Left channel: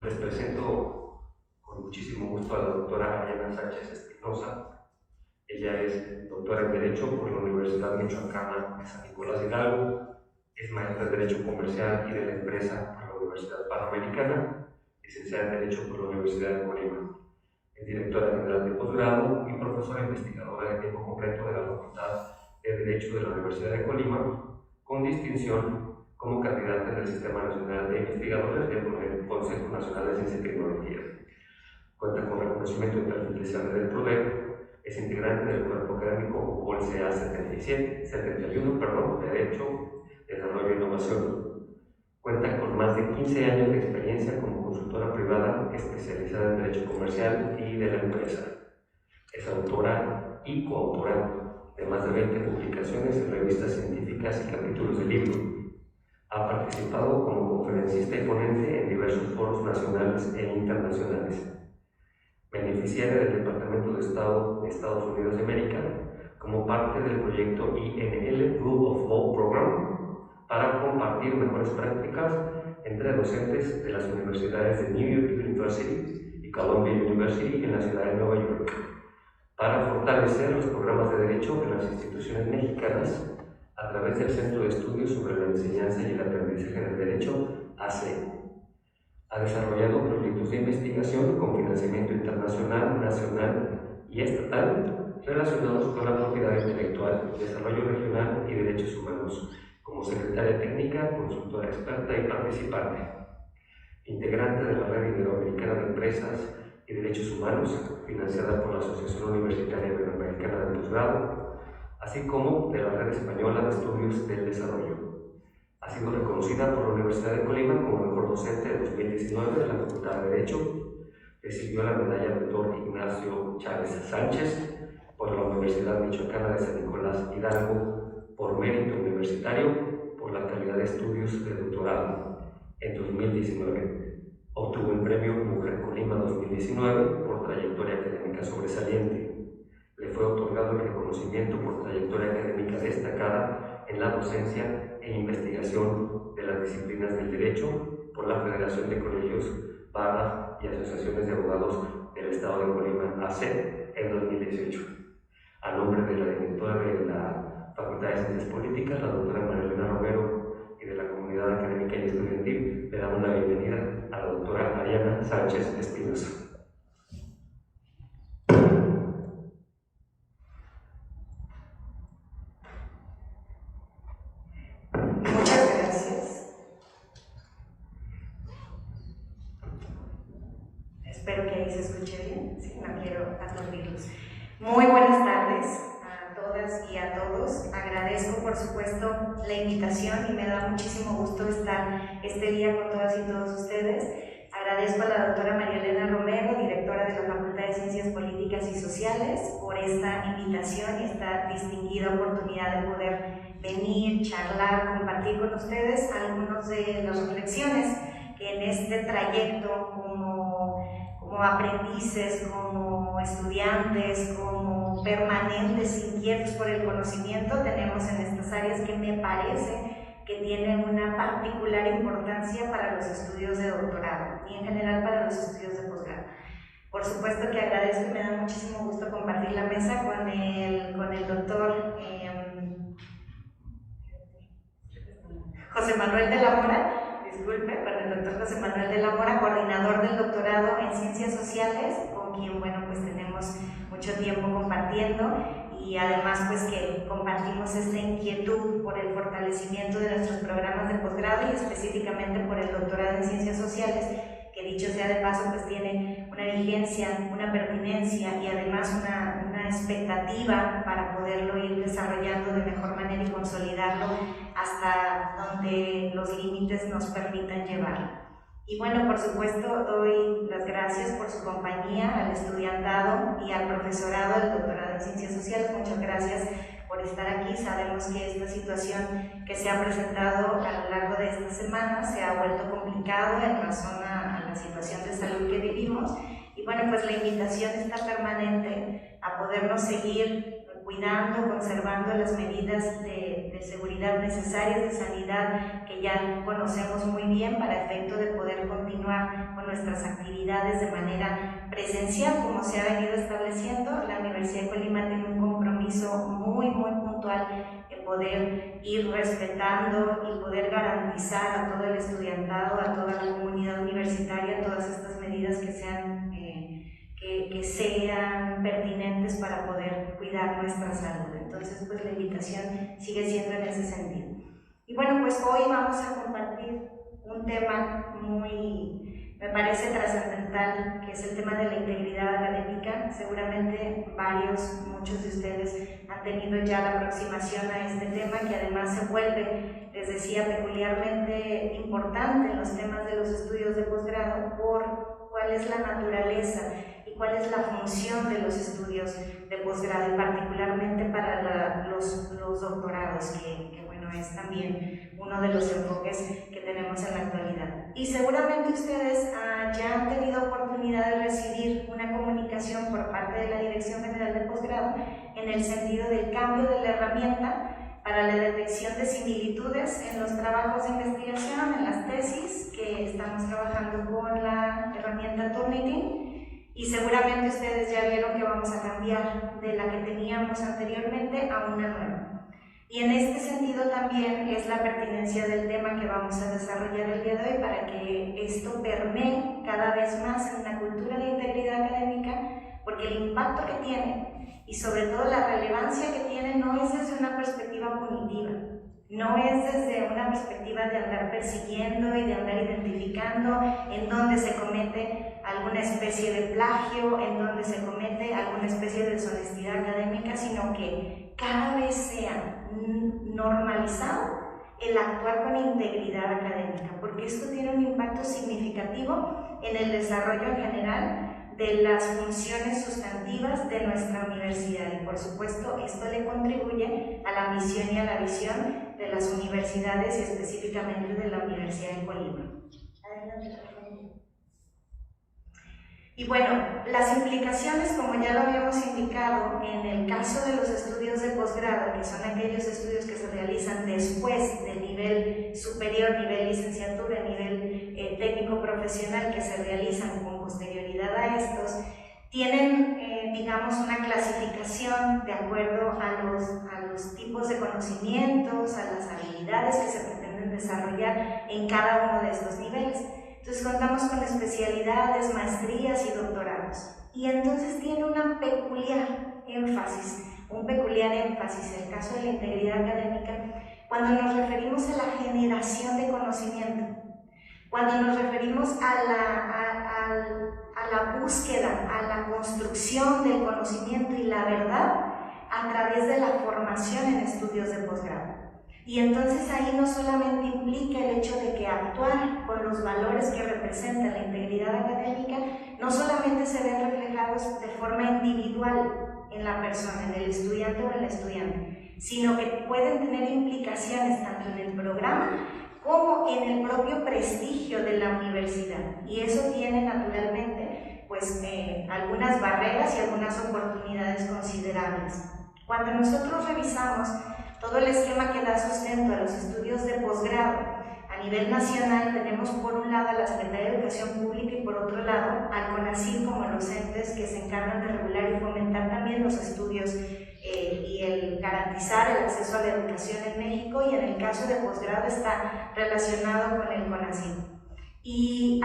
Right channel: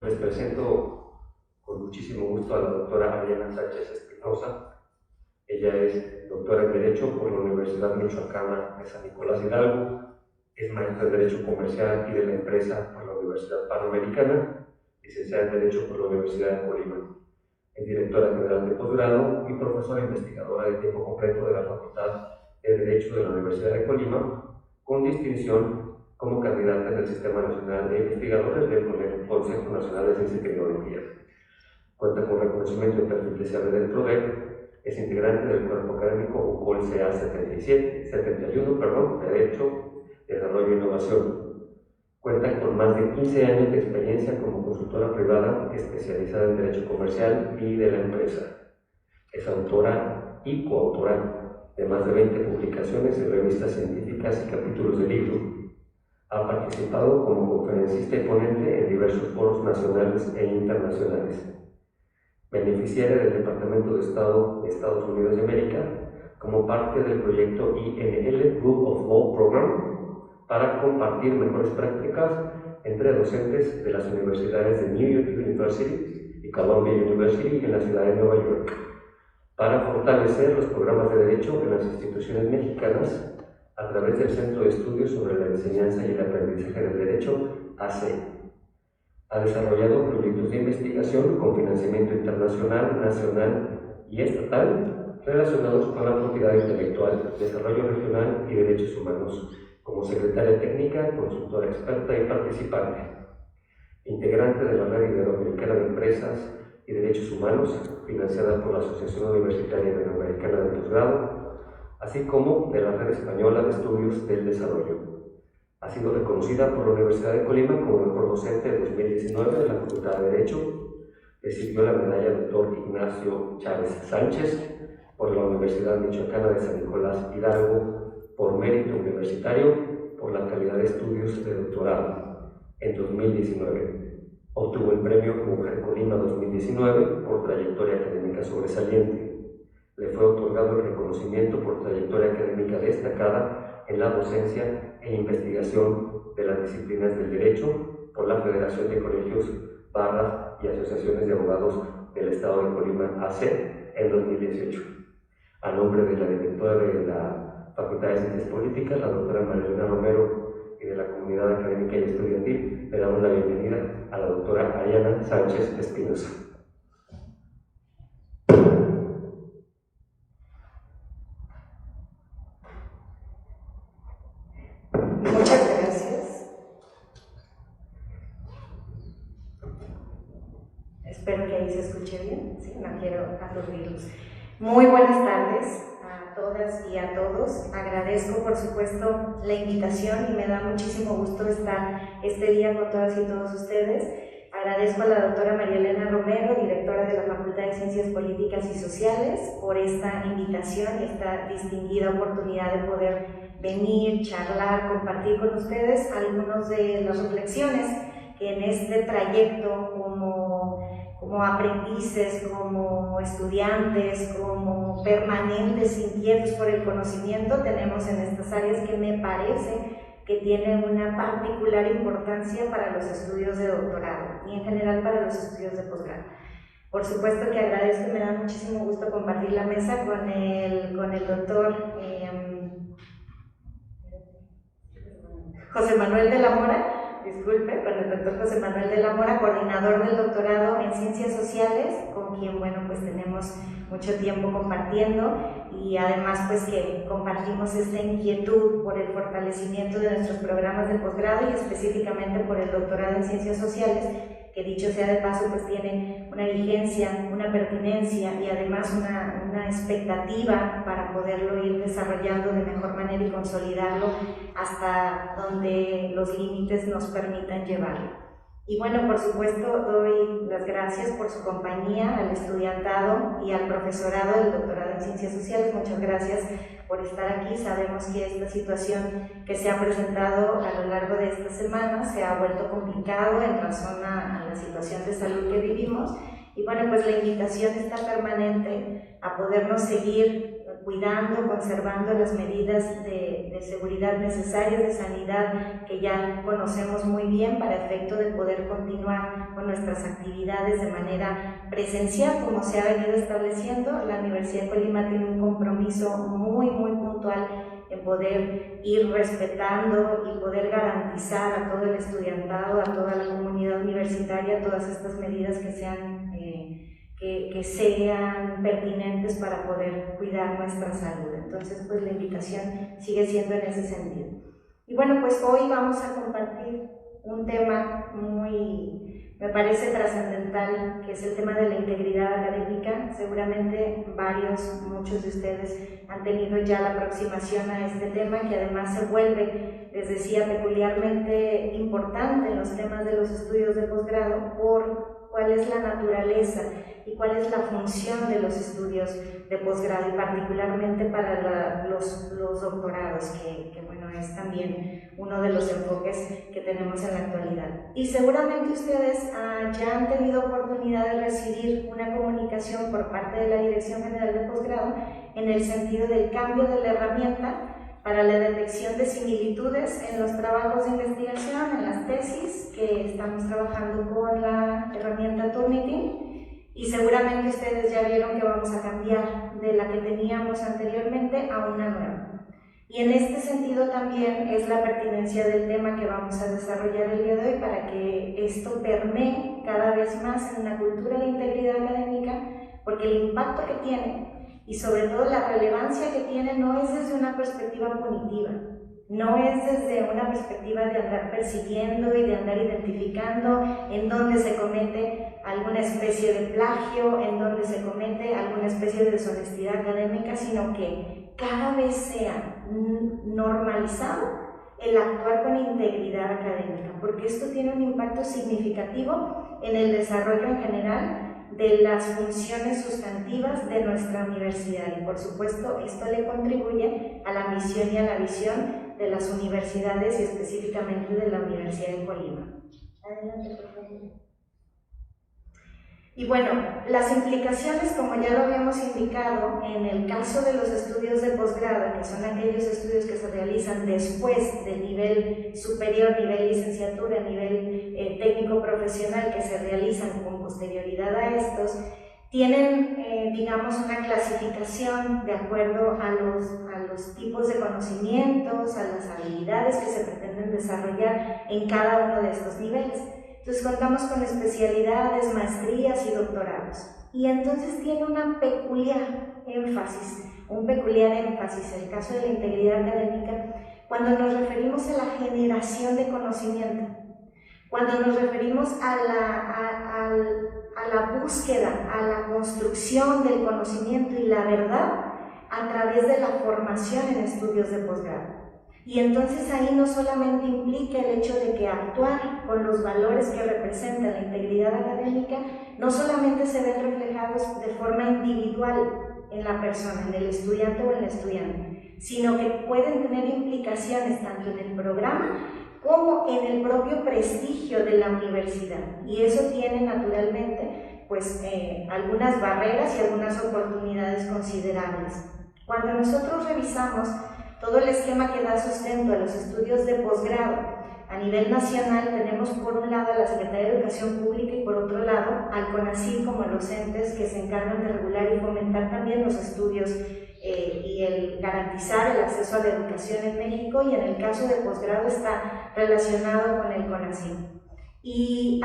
Les presento con muchísimo gusto a la doctora Ariana Sánchez Espinosa. Ella es doctora en Derecho por la Universidad Michoacana de San Nicolás Hidalgo, es maestra en Derecho Comercial y de la Empresa por la Universidad Panamericana, licenciada en Derecho por la Universidad de Colima. Es directora general de posgrado y profesora investigadora de tiempo completo de la Facultad de Derecho de la Universidad de Colima, con distinción como candidata en el Sistema Nacional de Investigadores del Consejo Nacional de Ciencia y Tecnología. Cuenta con reconocimiento de perfil deseable del PRODEC, es integrante del cuerpo académico UCOL CA 71, Derecho, Desarrollo e Innovación. Cuenta con más de 15 años de experiencia como consultora privada especializada en Derecho Comercial y de la Empresa. Es autora y coautora de más de 20 publicaciones en revistas científicas y capítulos de libros. Ha participado como conferencista y ponente en diversos foros nacionales e internacionales. Beneficiaria del Departamento de Estado de Estados Unidos de América como parte del proyecto INL Rule of Law Program para compartir mejores prácticas entre docentes de las universidades de New York University y Columbia University en la ciudad de Nueva York, para fortalecer los programas de derecho en las instituciones mexicanas a través del Centro de Estudios sobre la Enseñanza y el Aprendizaje del Derecho, ACE. Ha desarrollado proyectos de investigación con financiamiento internacional, nacional y estatal relacionados con la propiedad intelectual, desarrollo regional y derechos humanos, como secretaria técnica, consultora experta y participante. Integrante de la Red Iberoamericana de Empresas y Derechos Humanos, financiada por la Asociación Universitaria Iberoamericana de Posgrado, así como de la Red Española de Estudios del Desarrollo. Ha sido reconocida por la Universidad de Colima como mejor docente de 2019 de la Facultad de Derecho. Recibió la medalla Dr. Ignacio Chávez Sánchez por la Universidad Michoacana de San Nicolás Hidalgo por mérito universitario por la calidad de estudios de doctorado en 2019. Obtuvo el premio Mujer Colima 2019 por trayectoria académica sobresaliente. Le fue otorgado el reconocimiento por trayectoria académica destacada en la docencia e investigación de las disciplinas del derecho por la Federación de Colegios, Barras y Asociaciones de Abogados del Estado de Colima, ACEP, en 2018. A nombre de la directora de la Facultad de Ciencias Políticas, la doctora Marielena Romero, y de la comunidad académica y estudiantil, le damos la bienvenida a la doctora Ariana Sánchez Espinosa. Muchas gracias. Espero que ahí se escuche bien, ¿sí? No quiero aturdirlos. Muy buenas tardes a todas y a todos. Agradezco, por supuesto, la invitación y me da muchísimo gusto estar este día con todas y todos ustedes. Agradezco a la doctora Marielena Romero, directora de la Facultad de Ciencias Políticas y Sociales, por esta invitación y esta distinguida oportunidad de poder venir, charlar, compartir con ustedes algunas de las reflexiones que en este trayecto como aprendices, como estudiantes, como permanentes inquietos por el conocimiento tenemos en estas áreas que me parece que tienen una particular importancia para los estudios de doctorado y en general para los estudios de posgrado. Por supuesto que agradezco y me da muchísimo gusto compartir la mesa con el doctor José Manuel de la Mora, con el doctor José Manuel de la Mora, coordinador del doctorado en Ciencias Sociales, con quien, bueno, pues tenemos mucho tiempo compartiendo y además pues que compartimos esta inquietud por el fortalecimiento de nuestros programas de posgrado y específicamente por el doctorado en Ciencias Sociales, que dicho sea de paso pues tiene una vigencia, una pertinencia y además una expectativa para poderlo ir desarrollando de mejor manera y consolidarlo hasta donde los límites nos permitan llevarlo. Y bueno, por supuesto, doy las gracias por su compañía al estudiantado y al profesorado del doctorado en Ciencias Sociales. Muchas gracias por estar aquí. Sabemos que esta situación que se ha presentado a lo largo de esta semana se ha vuelto complicado en razón a la situación de salud que vivimos. Y bueno, pues la invitación está permanente a podernos seguir cuidando, conservando las medidas de seguridad necesarias, de sanidad, que ya conocemos muy bien para efecto de poder continuar con nuestras actividades de manera presencial, como se ha venido estableciendo. La Universidad de Colima tiene un compromiso muy puntual en poder ir respetando y poder garantizar a todo el estudiantado, a toda la comunidad universitaria, todas estas medidas que sean pertinentes para poder cuidar nuestra salud. Entonces, pues la invitación sigue siendo en ese sentido. Y bueno, pues hoy vamos a compartir un tema me parece trascendental, que es el tema de la integridad académica. Seguramente muchos de ustedes han tenido ya la aproximación a este tema, que además se vuelve, les decía, peculiarmente importante en los temas de los estudios de posgrado por cuál es la naturaleza y cuál es la función de los estudios de posgrado, y particularmente para los doctorados, que bueno, es también uno de los enfoques que tenemos en la actualidad. Y seguramente ustedes ya han tenido oportunidad de recibir una comunicación por parte de la Dirección General de Posgrado en el sentido del cambio de la herramienta para la detección de similitudes en los trabajos de investigación, en las tesis, que estamos trabajando con la herramienta Turnitin, y seguramente ustedes ya vieron que vamos a cambiar de la que teníamos anteriormente a una nueva. Y en este sentido también es la pertinencia del tema que vamos a desarrollar el día de hoy, para que esto permee cada vez más en una cultura de integridad académica, porque el impacto que tiene y sobre todo la relevancia que tiene no es desde una perspectiva punitiva, no es desde una perspectiva de andar persiguiendo y de andar identificando en dónde se comete alguna especie de plagio, en dónde se comete alguna especie de deshonestidad académica, sino que cada vez sea normalizado el actuar con integridad académica, porque esto tiene un impacto significativo en el desarrollo en general de las funciones sustantivas de nuestra universidad, y por supuesto esto le contribuye a la misión y a la visión de las universidades, y específicamente de la Universidad de Colima. Adelante, por favor. Y bueno, las implicaciones, como ya lo habíamos indicado, en el caso de los estudios de posgrado, que son aquellos estudios que se realizan después del nivel superior, nivel licenciatura, nivel técnico profesional, que se realizan con posterioridad a estos, tienen, digamos, una clasificación de acuerdo a los tipos de conocimientos, a las habilidades que se pretenden desarrollar en cada uno de estos niveles. Entonces contamos con especialidades, maestrías y doctorados. Y entonces tiene un peculiar énfasis, el caso de la integridad académica, cuando nos referimos a la generación de conocimiento, cuando nos referimos a la búsqueda, a la construcción del conocimiento y la verdad a través de la formación en estudios de posgrado. Y entonces ahí no solamente implica el hecho de que actuar con los valores que representa la integridad académica no solamente se ven reflejados de forma individual en la persona, en el estudiante o en la estudiante, sino que pueden tener implicaciones tanto en el programa como en el propio prestigio de la universidad. Y eso tiene naturalmente pues, algunas barreras y algunas oportunidades considerables. Cuando nosotros revisamos todo el esquema que da sustento a los estudios de posgrado a nivel nacional, tenemos por un lado a la Secretaría de Educación Pública y por otro lado al CONACYT como los entes que se encargan de regular y fomentar también los estudios y el garantizar el acceso a la educación en México, y en el caso de posgrado está relacionado con el CONACYT. Y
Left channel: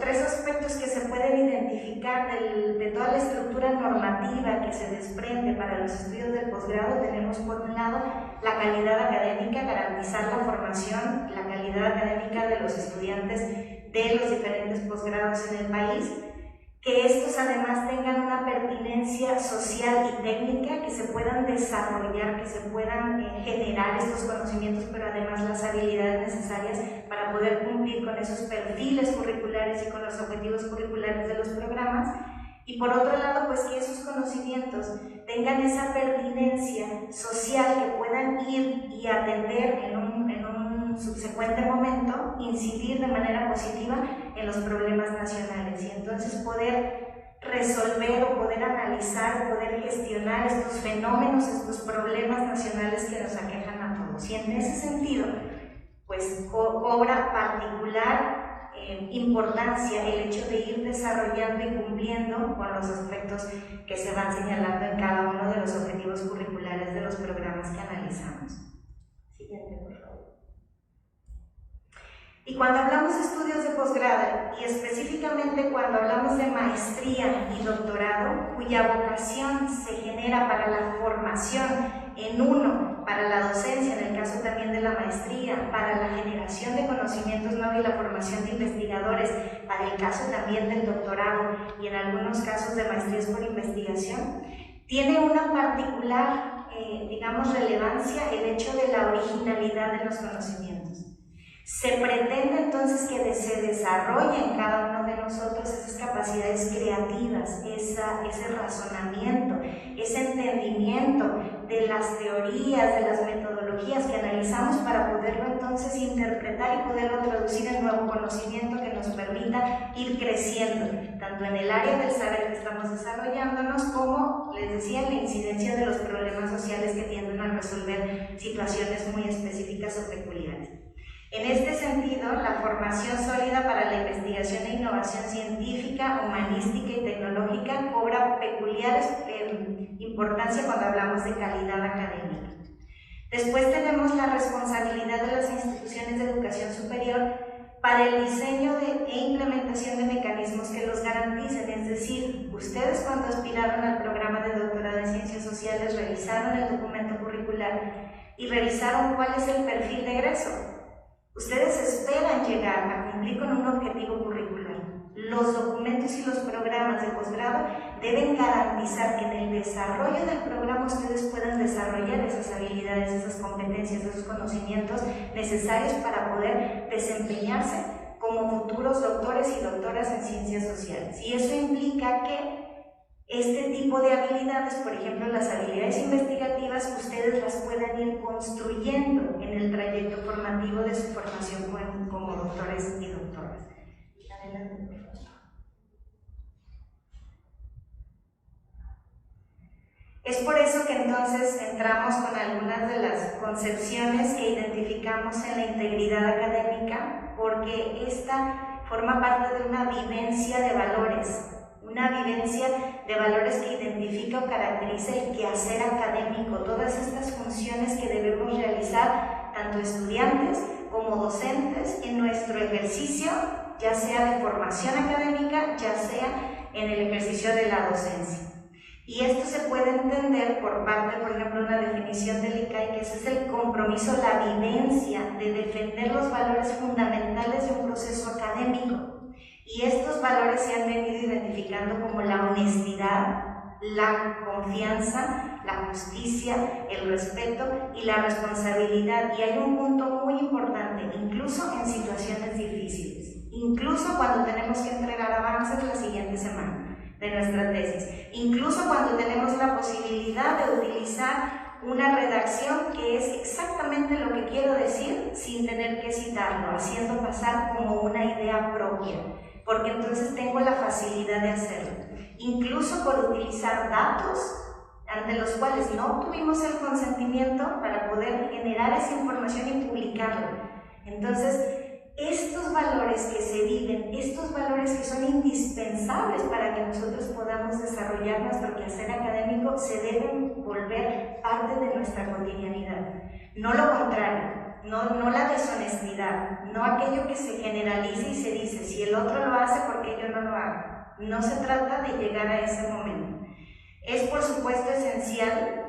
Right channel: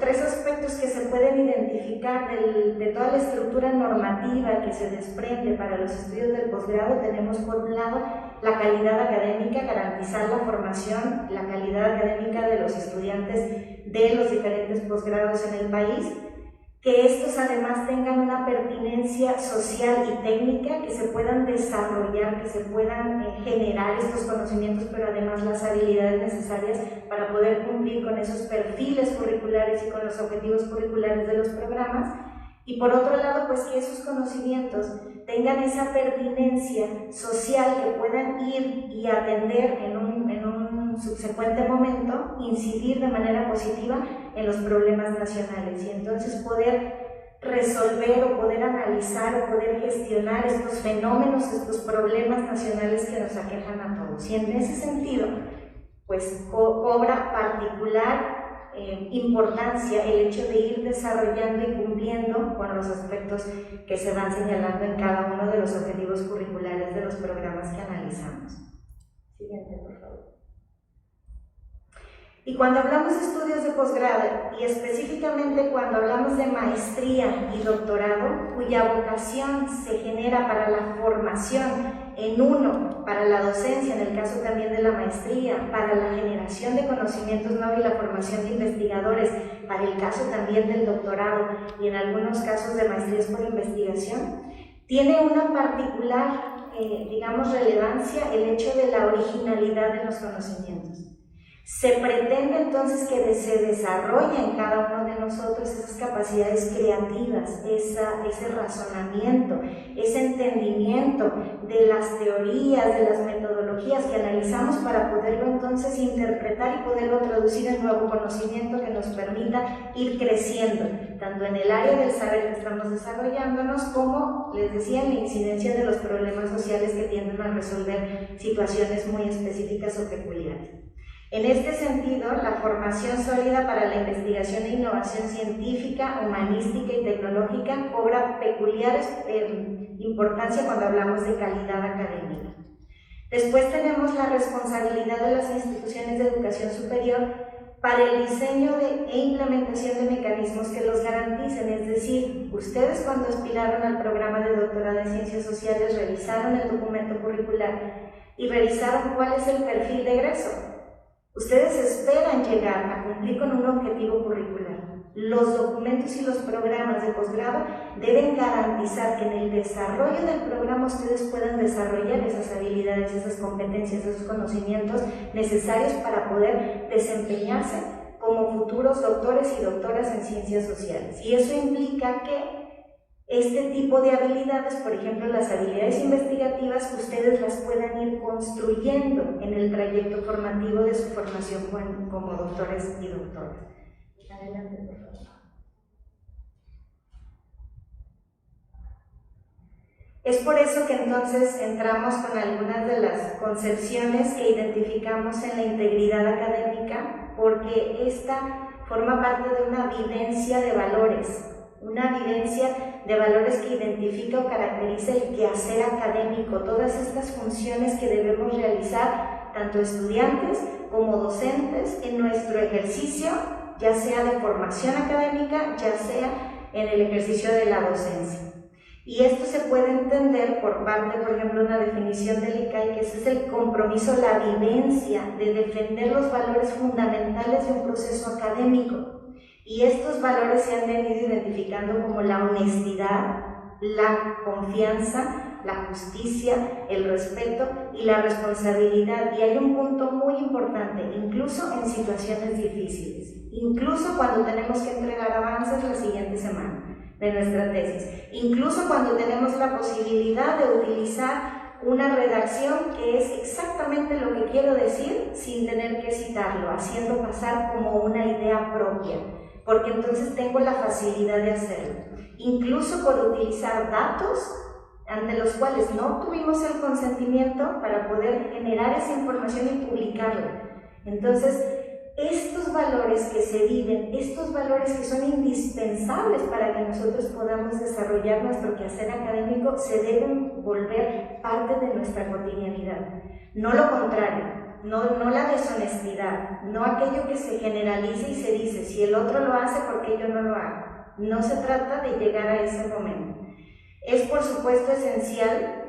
tres aspectos que se pueden identificar de toda la estructura normativa que se desprende para los estudios del posgrado. Tenemos por un lado la calidad académica, garantizar la formación, la calidad académica de los estudiantes de los diferentes posgrados en el país, que estos además tengan una pertinencia social y técnica, que se puedan desarrollar, que se puedan generar estos conocimientos, pero además las habilidades necesarias para poder cumplir con esos perfiles curriculares y con los objetivos curriculares de los programas. Y por otro lado, pues que esos conocimientos tengan esa pertinencia social, que puedan ir y atender en un subsecuente momento, incidir de manera positiva en los problemas nacionales, y entonces poder resolver o poder analizar o poder gestionar estos fenómenos, estos problemas nacionales que nos aquejan a todos. Y en ese sentido, pues cobra particular importancia el hecho de ir desarrollando y cumpliendo con los aspectos que se van señalando en cada uno de los objetivos curriculares de los programas que analizamos. Siguiente, por favor. Y cuando hablamos de estudios de posgrado, y específicamente cuando hablamos de maestría y doctorado, cuya vocación se genera para la formación en uno, para la docencia, en el caso también de la maestría, para la generación de conocimientos nuevos y la formación de investigadores, para el caso también del doctorado y en algunos casos de maestrías por investigación, tiene una particular, digamos, relevancia el hecho de la originalidad de los conocimientos. Se pretende entonces que se desarrolle en cada uno de nosotros esas capacidades creativas, ese razonamiento, ese entendimiento de las teorías, de las metodologías que analizamos para poderlo entonces interpretar y poderlo traducir en nuevo conocimiento que nos permita ir creciendo, tanto en el área del saber que estamos desarrollándonos como, les decía, en la incidencia de los problemas sociales que tienden a resolver situaciones muy específicas o peculiares. En este sentido, la formación sólida para la investigación e innovación científica, humanística y tecnológica cobra peculiar importancia cuando hablamos de calidad académica. Después tenemos la responsabilidad de las instituciones de educación superior para el diseño e implementación de mecanismos que los garanticen, es decir, ustedes cuando aspiraron al programa de doctorado en Ciencias Sociales revisaron el documento curricular y revisaron cuál es el perfil de egreso. Ustedes esperan llegar a cumplir con un objetivo curricular. Los documentos y los programas de posgrado deben garantizar que en el desarrollo del programa ustedes puedan desarrollar esas habilidades, esas competencias, esos conocimientos necesarios para poder desempeñarse como futuros doctores y doctoras en ciencias sociales. Y eso implica que este tipo de habilidades, por ejemplo, las habilidades investigativas, ustedes las puedan ir construyendo en el trayecto formativo de su formación como doctores y doctoras. Adelante, por favor. Es por eso que entonces entramos con algunas de las concepciones que identificamos en la integridad académica, porque esta forma parte de una vivencia de valores. Una vivencia de valores que identifica o caracteriza el quehacer académico, todas estas funciones que debemos realizar tanto estudiantes como docentes en nuestro ejercicio, ya sea de formación académica, ya sea en el ejercicio de la docencia. Y esto se puede entender por parte, por ejemplo, una definición del ICAI, que ese es el compromiso, la vivencia de defender los valores fundamentales de un proceso académico. Y estos valores se han venido identificando como la honestidad, la confianza, la justicia, el respeto y la responsabilidad. Y hay un punto muy importante, incluso en situaciones difíciles, incluso cuando tenemos que entregar avances la siguiente semana de nuestra tesis, incluso cuando tenemos la posibilidad de utilizar una redacción que es exactamente lo que quiero decir sin tener que citarlo, haciendo pasar como una idea propia, porque entonces tengo la facilidad de hacerlo, incluso por utilizar datos ante los cuales no obtuvimos el consentimiento para poder generar esa información y publicarla. Entonces, estos valores que se viven, estos valores que son indispensables para que nosotros podamos desarrollar nuestro quehacer académico, se deben volver parte de nuestra cotidianidad. No lo contrario, no la deshonestidad, no aquello que se generaliza y se dice, si el otro lo hace, ¿por qué yo no lo hago? No se trata de llegar a ese momento. Es por supuesto esencial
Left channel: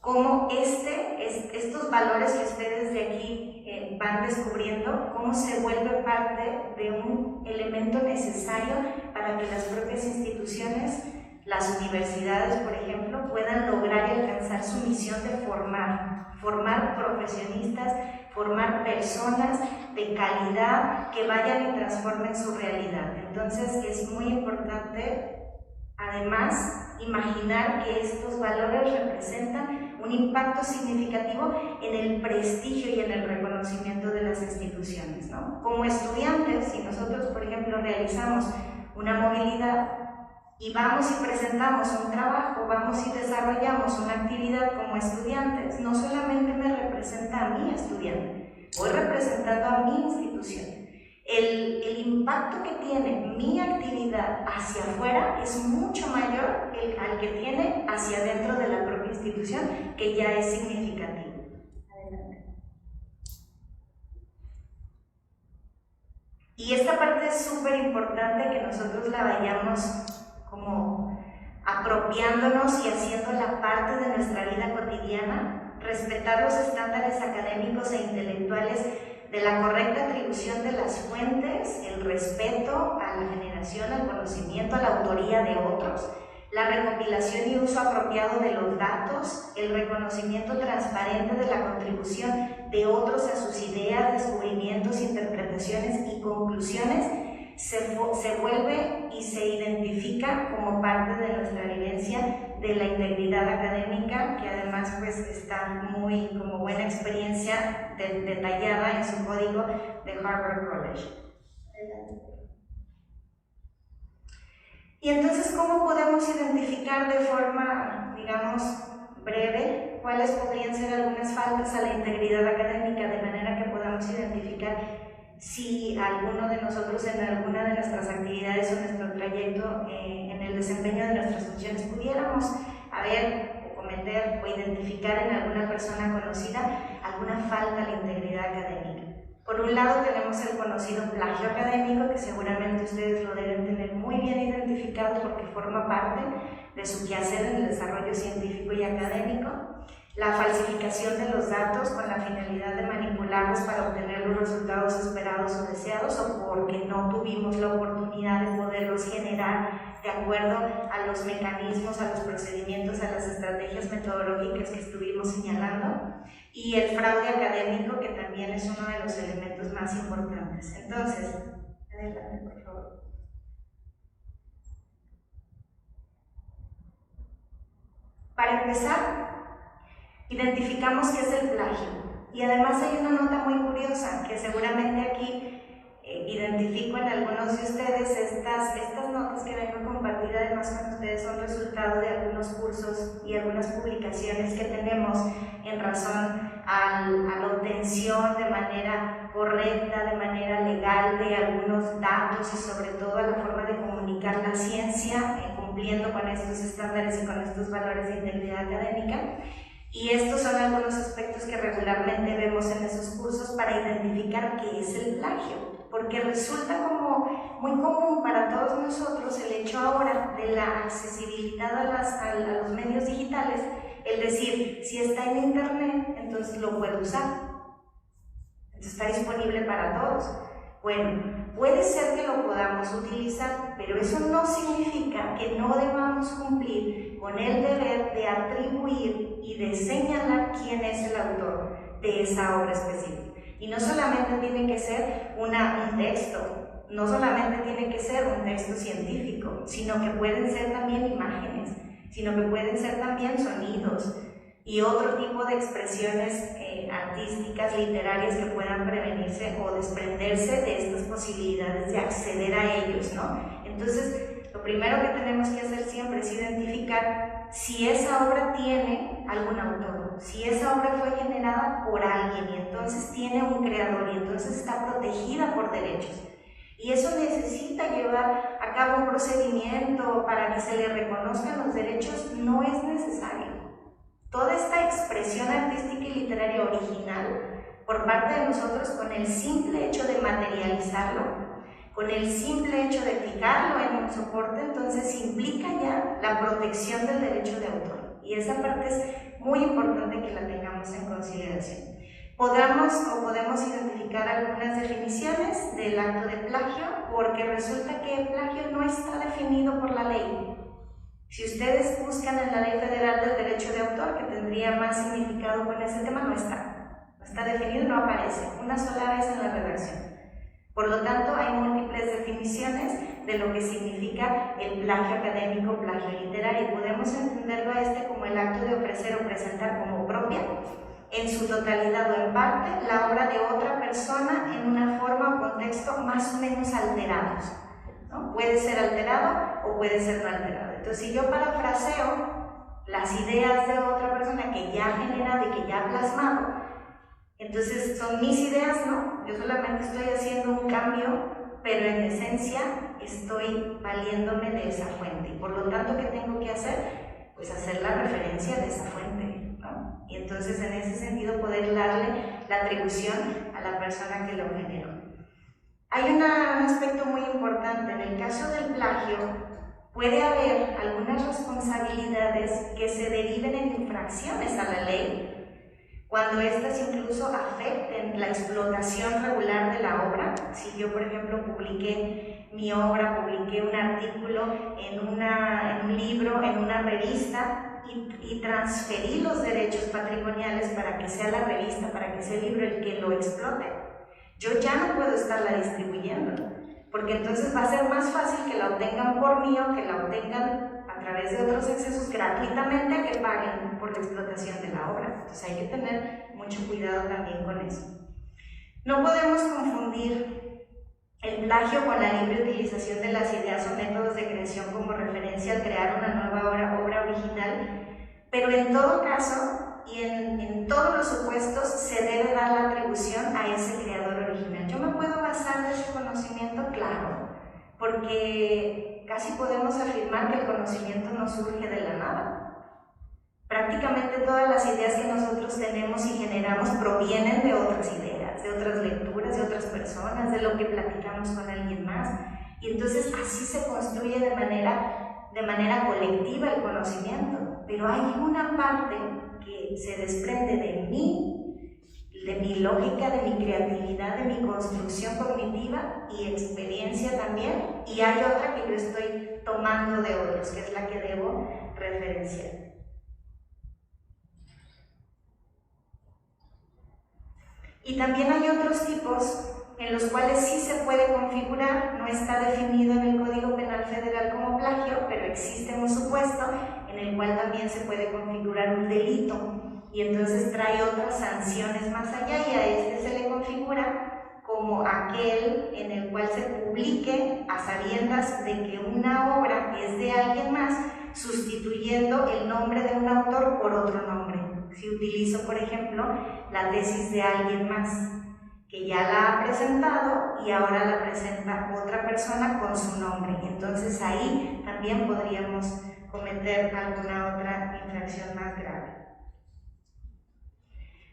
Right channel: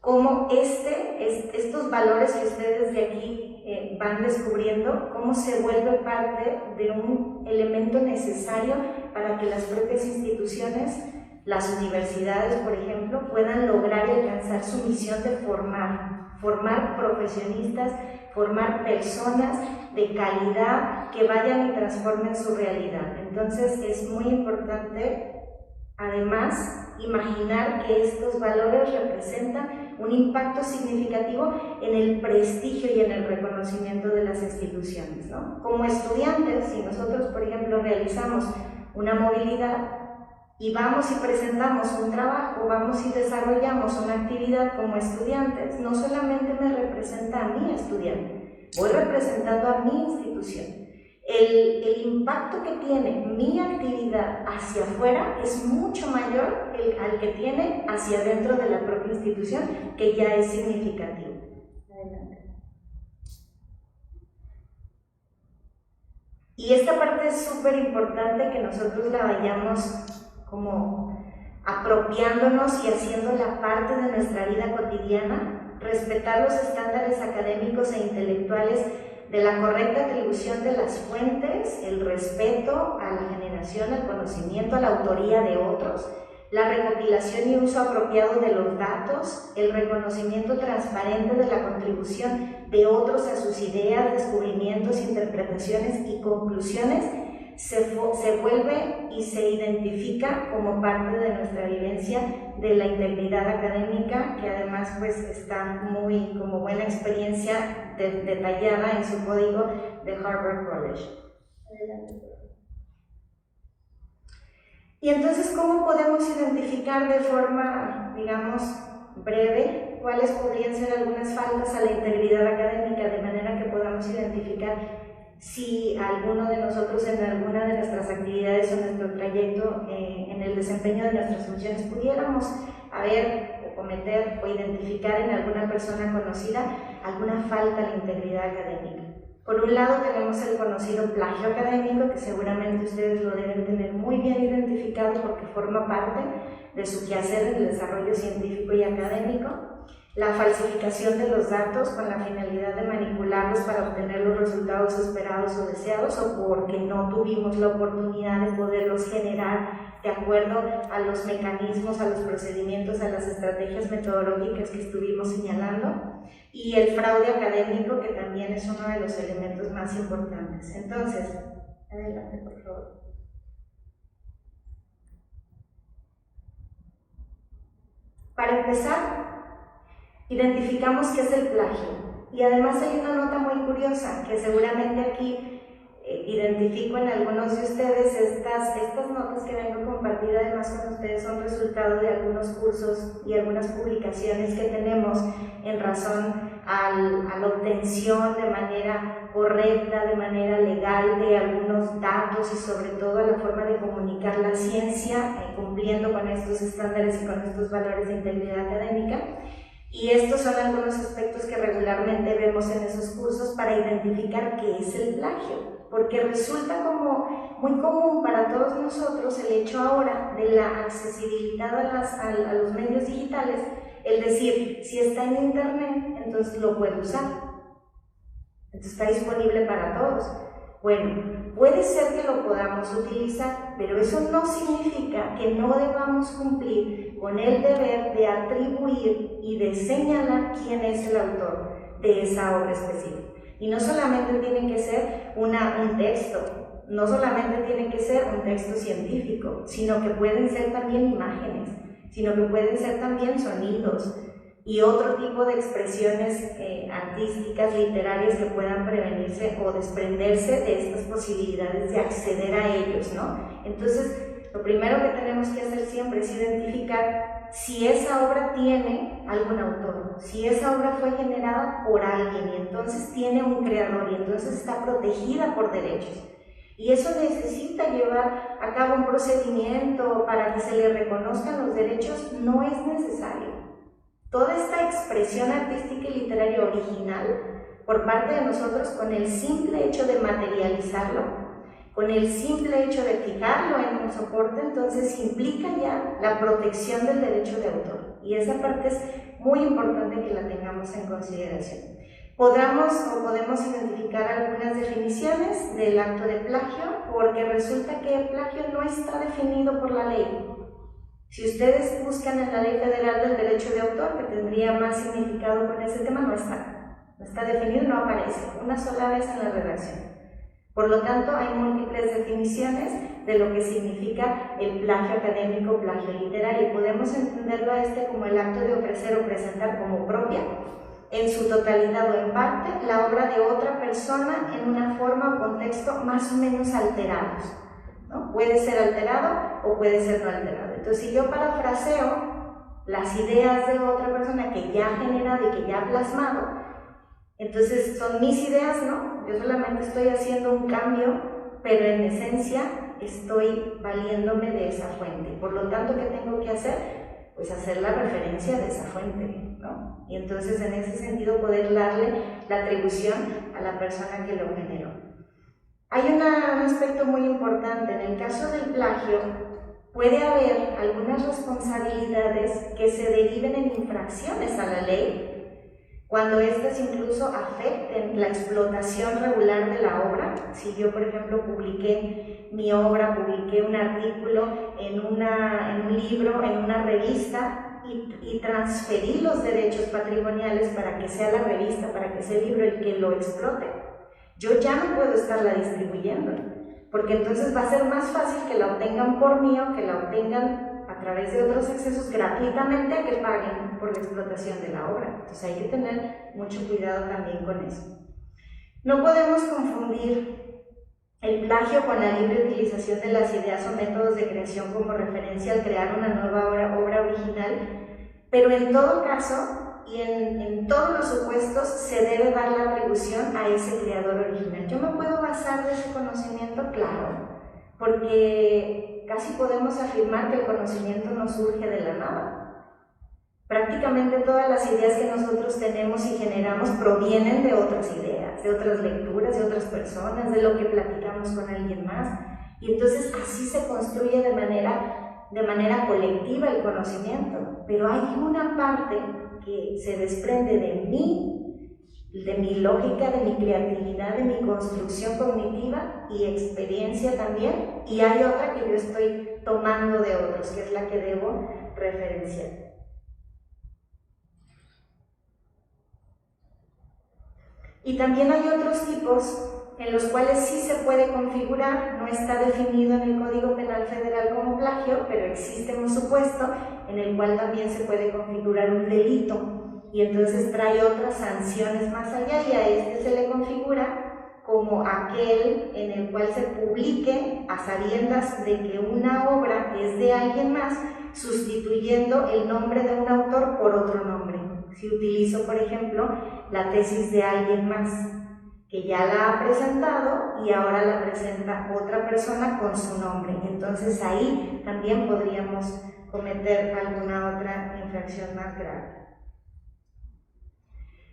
cómo estos valores que ustedes de aquí van descubriendo, cómo se vuelve parte de un elemento necesario para que las propias instituciones, las universidades, por ejemplo, puedan lograr y alcanzar su misión de formar profesionistas, formar personas de calidad que vayan y transformen su realidad. Entonces es muy importante, además, imaginar que estos valores representan un impacto significativo en el prestigio y en el reconocimiento de las instituciones, ¿no? Como estudiantes, si nosotros, por ejemplo, realizamos una movilidad, y vamos y presentamos un trabajo, vamos y desarrollamos una actividad como estudiantes, no solamente me representa a mi estudiante, voy representando a mi institución. El impacto que tiene mi actividad hacia afuera es mucho mayor al que tiene hacia adentro de la propia institución, que ya es significativo. Adelante. Y esta parte es súper importante que nosotros la vayamos como apropiándonos y haciéndola parte de nuestra vida cotidiana, respetar los estándares académicos e intelectuales de la correcta atribución de las fuentes, el respeto a la generación, al conocimiento, a la autoría de otros, la recopilación y uso apropiado de los datos, el reconocimiento transparente de la contribución de otros a sus ideas, descubrimientos, interpretaciones y conclusiones, se vuelve y se identifica como parte de nuestra vivencia de la integridad académica, que además pues está muy como buena experiencia detallada en su código de Harvard College. Y entonces, ¿cómo podemos identificar de forma, digamos, breve cuáles podrían ser algunas faltas a la integridad académica, de manera que podamos identificar si alguno de nosotros en alguna de nuestras actividades o nuestro trayecto en el desempeño de nuestras funciones pudiéramos haber o cometer o identificar en alguna persona conocida alguna falta a la integridad académica? Por un lado tenemos el conocido plagio académico, que seguramente ustedes lo deben tener muy bien identificado porque forma parte de su quehacer en el desarrollo científico y académico. La falsificación de los datos con la finalidad de manipularlos para obtener los resultados esperados o deseados, o porque no tuvimos la oportunidad de poderlos generar de acuerdo a los mecanismos, a los procedimientos, a las estrategias metodológicas que estuvimos señalando. Y el fraude académico, que también es uno de los elementos más importantes. Entonces, adelante, por favor. Para empezar, identificamos qué es el plagio. Y además hay una nota muy curiosa, que seguramente aquí identifico en algunos de ustedes. Estas notas que vengo a compartir además con ustedes son resultado de algunos cursos y algunas publicaciones que tenemos en razón a la obtención de manera correcta, de manera legal, de algunos datos y sobre todo a la forma de comunicar la ciencia, cumpliendo con estos estándares y con estos valores de integridad académica. Y estos son algunos aspectos que regularmente vemos en esos cursos para identificar qué es el plagio, porque resulta como muy común para todos nosotros el hecho ahora de la accesibilidad a los medios digitales, el decir, si está en internet, entonces lo puedo usar, entonces está disponible para todos. Bueno, puede ser que lo podamos utilizar, pero eso no significa que no debamos cumplir con el deber de atribuir y de señalar quién es el autor de esa obra específica. Y no solamente tiene que ser un texto, no solamente tiene que ser un texto científico, sino que pueden ser también imágenes, sino que pueden ser también sonidos y otro tipo de expresiones artísticas, literarias que puedan prevenirse o desprenderse de estas posibilidades de acceder a ellos, ¿no? Entonces, lo primero que tenemos que hacer siempre es identificar si esa obra tiene algún autor, si esa obra fue generada por alguien y entonces tiene un creador y entonces está protegida por derechos. Y eso necesita llevar a cabo un procedimiento para que se le reconozcan los derechos, no es necesario. Toda esta expresión artística y literaria original por parte de nosotros, con el simple hecho de materializarlo, con el simple hecho de fijarlo en un soporte, entonces implica ya la protección del derecho de autor. Y esa parte es muy importante que la tengamos en consideración. Podemos identificar algunas definiciones del acto de plagio, porque resulta que el plagio no está definido por la ley. Si ustedes buscan en la Ley Federal del Derecho de Autor, que tendría más significado con ese tema, no está definido, no aparece una sola vez en la redacción. Por lo tanto, hay múltiples definiciones de lo que significa el plagio académico, plagio literario. Podemos entenderlo como el acto de ofrecer o presentar como propia, en su totalidad o en parte, la obra de otra persona en una forma o contexto más o menos alterados. ¿no? Puede ser alterado o puede ser no alterado. Entonces, si yo parafraseo las ideas de otra persona que ya ha generado y que ya ha plasmado, entonces son mis ideas, ¿no? Yo solamente estoy haciendo un cambio, pero en esencia estoy valiéndome de esa fuente. Por lo tanto, ¿qué tengo que hacer? Pues hacer la referencia de esa fuente, ¿no? Y entonces en ese sentido poder darle la atribución a la persona que lo generó. Hay un aspecto muy importante. En el caso del plagio, puede haber algunas responsabilidades que se deriven en infracciones a la ley, cuando éstas incluso afecten la explotación regular de la obra. Si yo, por ejemplo, publiqué mi obra, publiqué un artículo en un libro, en una revista, y transferí los derechos patrimoniales para que sea la revista, para que sea el libro el que lo explote, yo ya no puedo estarla distribuyendo, porque entonces va a ser más fácil que la obtengan por mí o que la obtengan a través de otros accesos gratuitamente que paguen por la explotación de la obra. Entonces hay que tener mucho cuidado también con eso. No podemos confundir el plagio con la libre utilización de las ideas o métodos de creación como referencia al crear una nueva obra original, pero en todo caso y en todos los supuestos se debe dar la atribución a ese creador original. Yo me puedo basar de ese conocimiento, claro, porque casi podemos afirmar que el conocimiento no surge de la nada. Prácticamente todas las ideas que nosotros tenemos y generamos provienen de otras ideas, de otras lecturas, de otras personas, de lo que platicamos con alguien más. Y entonces así se construye de manera colectiva el conocimiento. Pero hay una parte que se desprende de mí, de mi lógica, de mi creatividad, de mi construcción cognitiva y experiencia también, y hay otra que yo estoy tomando de otros, que es la que debo referenciar. Y también hay otros tipos en los cuales sí se puede configurar, no está definido en el Código Penal Federal como plagio, pero existe un supuesto en el cual también se puede configurar un delito, y entonces trae otras sanciones más allá, y a este se le configura como aquel en el cual se publique a sabiendas de que una obra es de alguien más, sustituyendo el nombre de un autor por otro nombre. Si utilizo, por ejemplo, la tesis de alguien más, que ya la ha presentado y ahora la presenta otra persona con su nombre, entonces ahí también podríamos cometer alguna otra infracción más grave.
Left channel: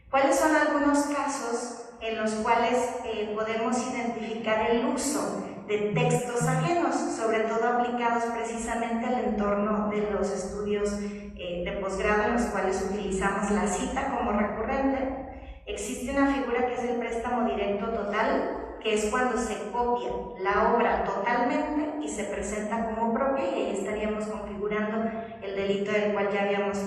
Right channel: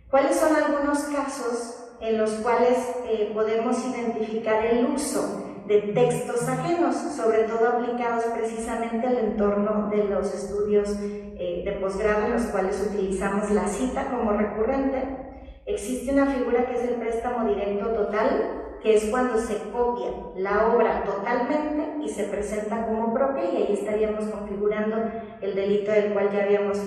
¿Cuáles son algunos casos en los cuales podemos identificar el uso de textos ajenos, sobre todo aplicados precisamente al entorno de los estudios de posgrado, en los cuales utilizamos la cita como recurrente? Existe una figura que es el préstamo directo total, que es cuando se copia la obra totalmente y se presenta como propia, y ahí estaríamos configurando el delito del cual ya habíamos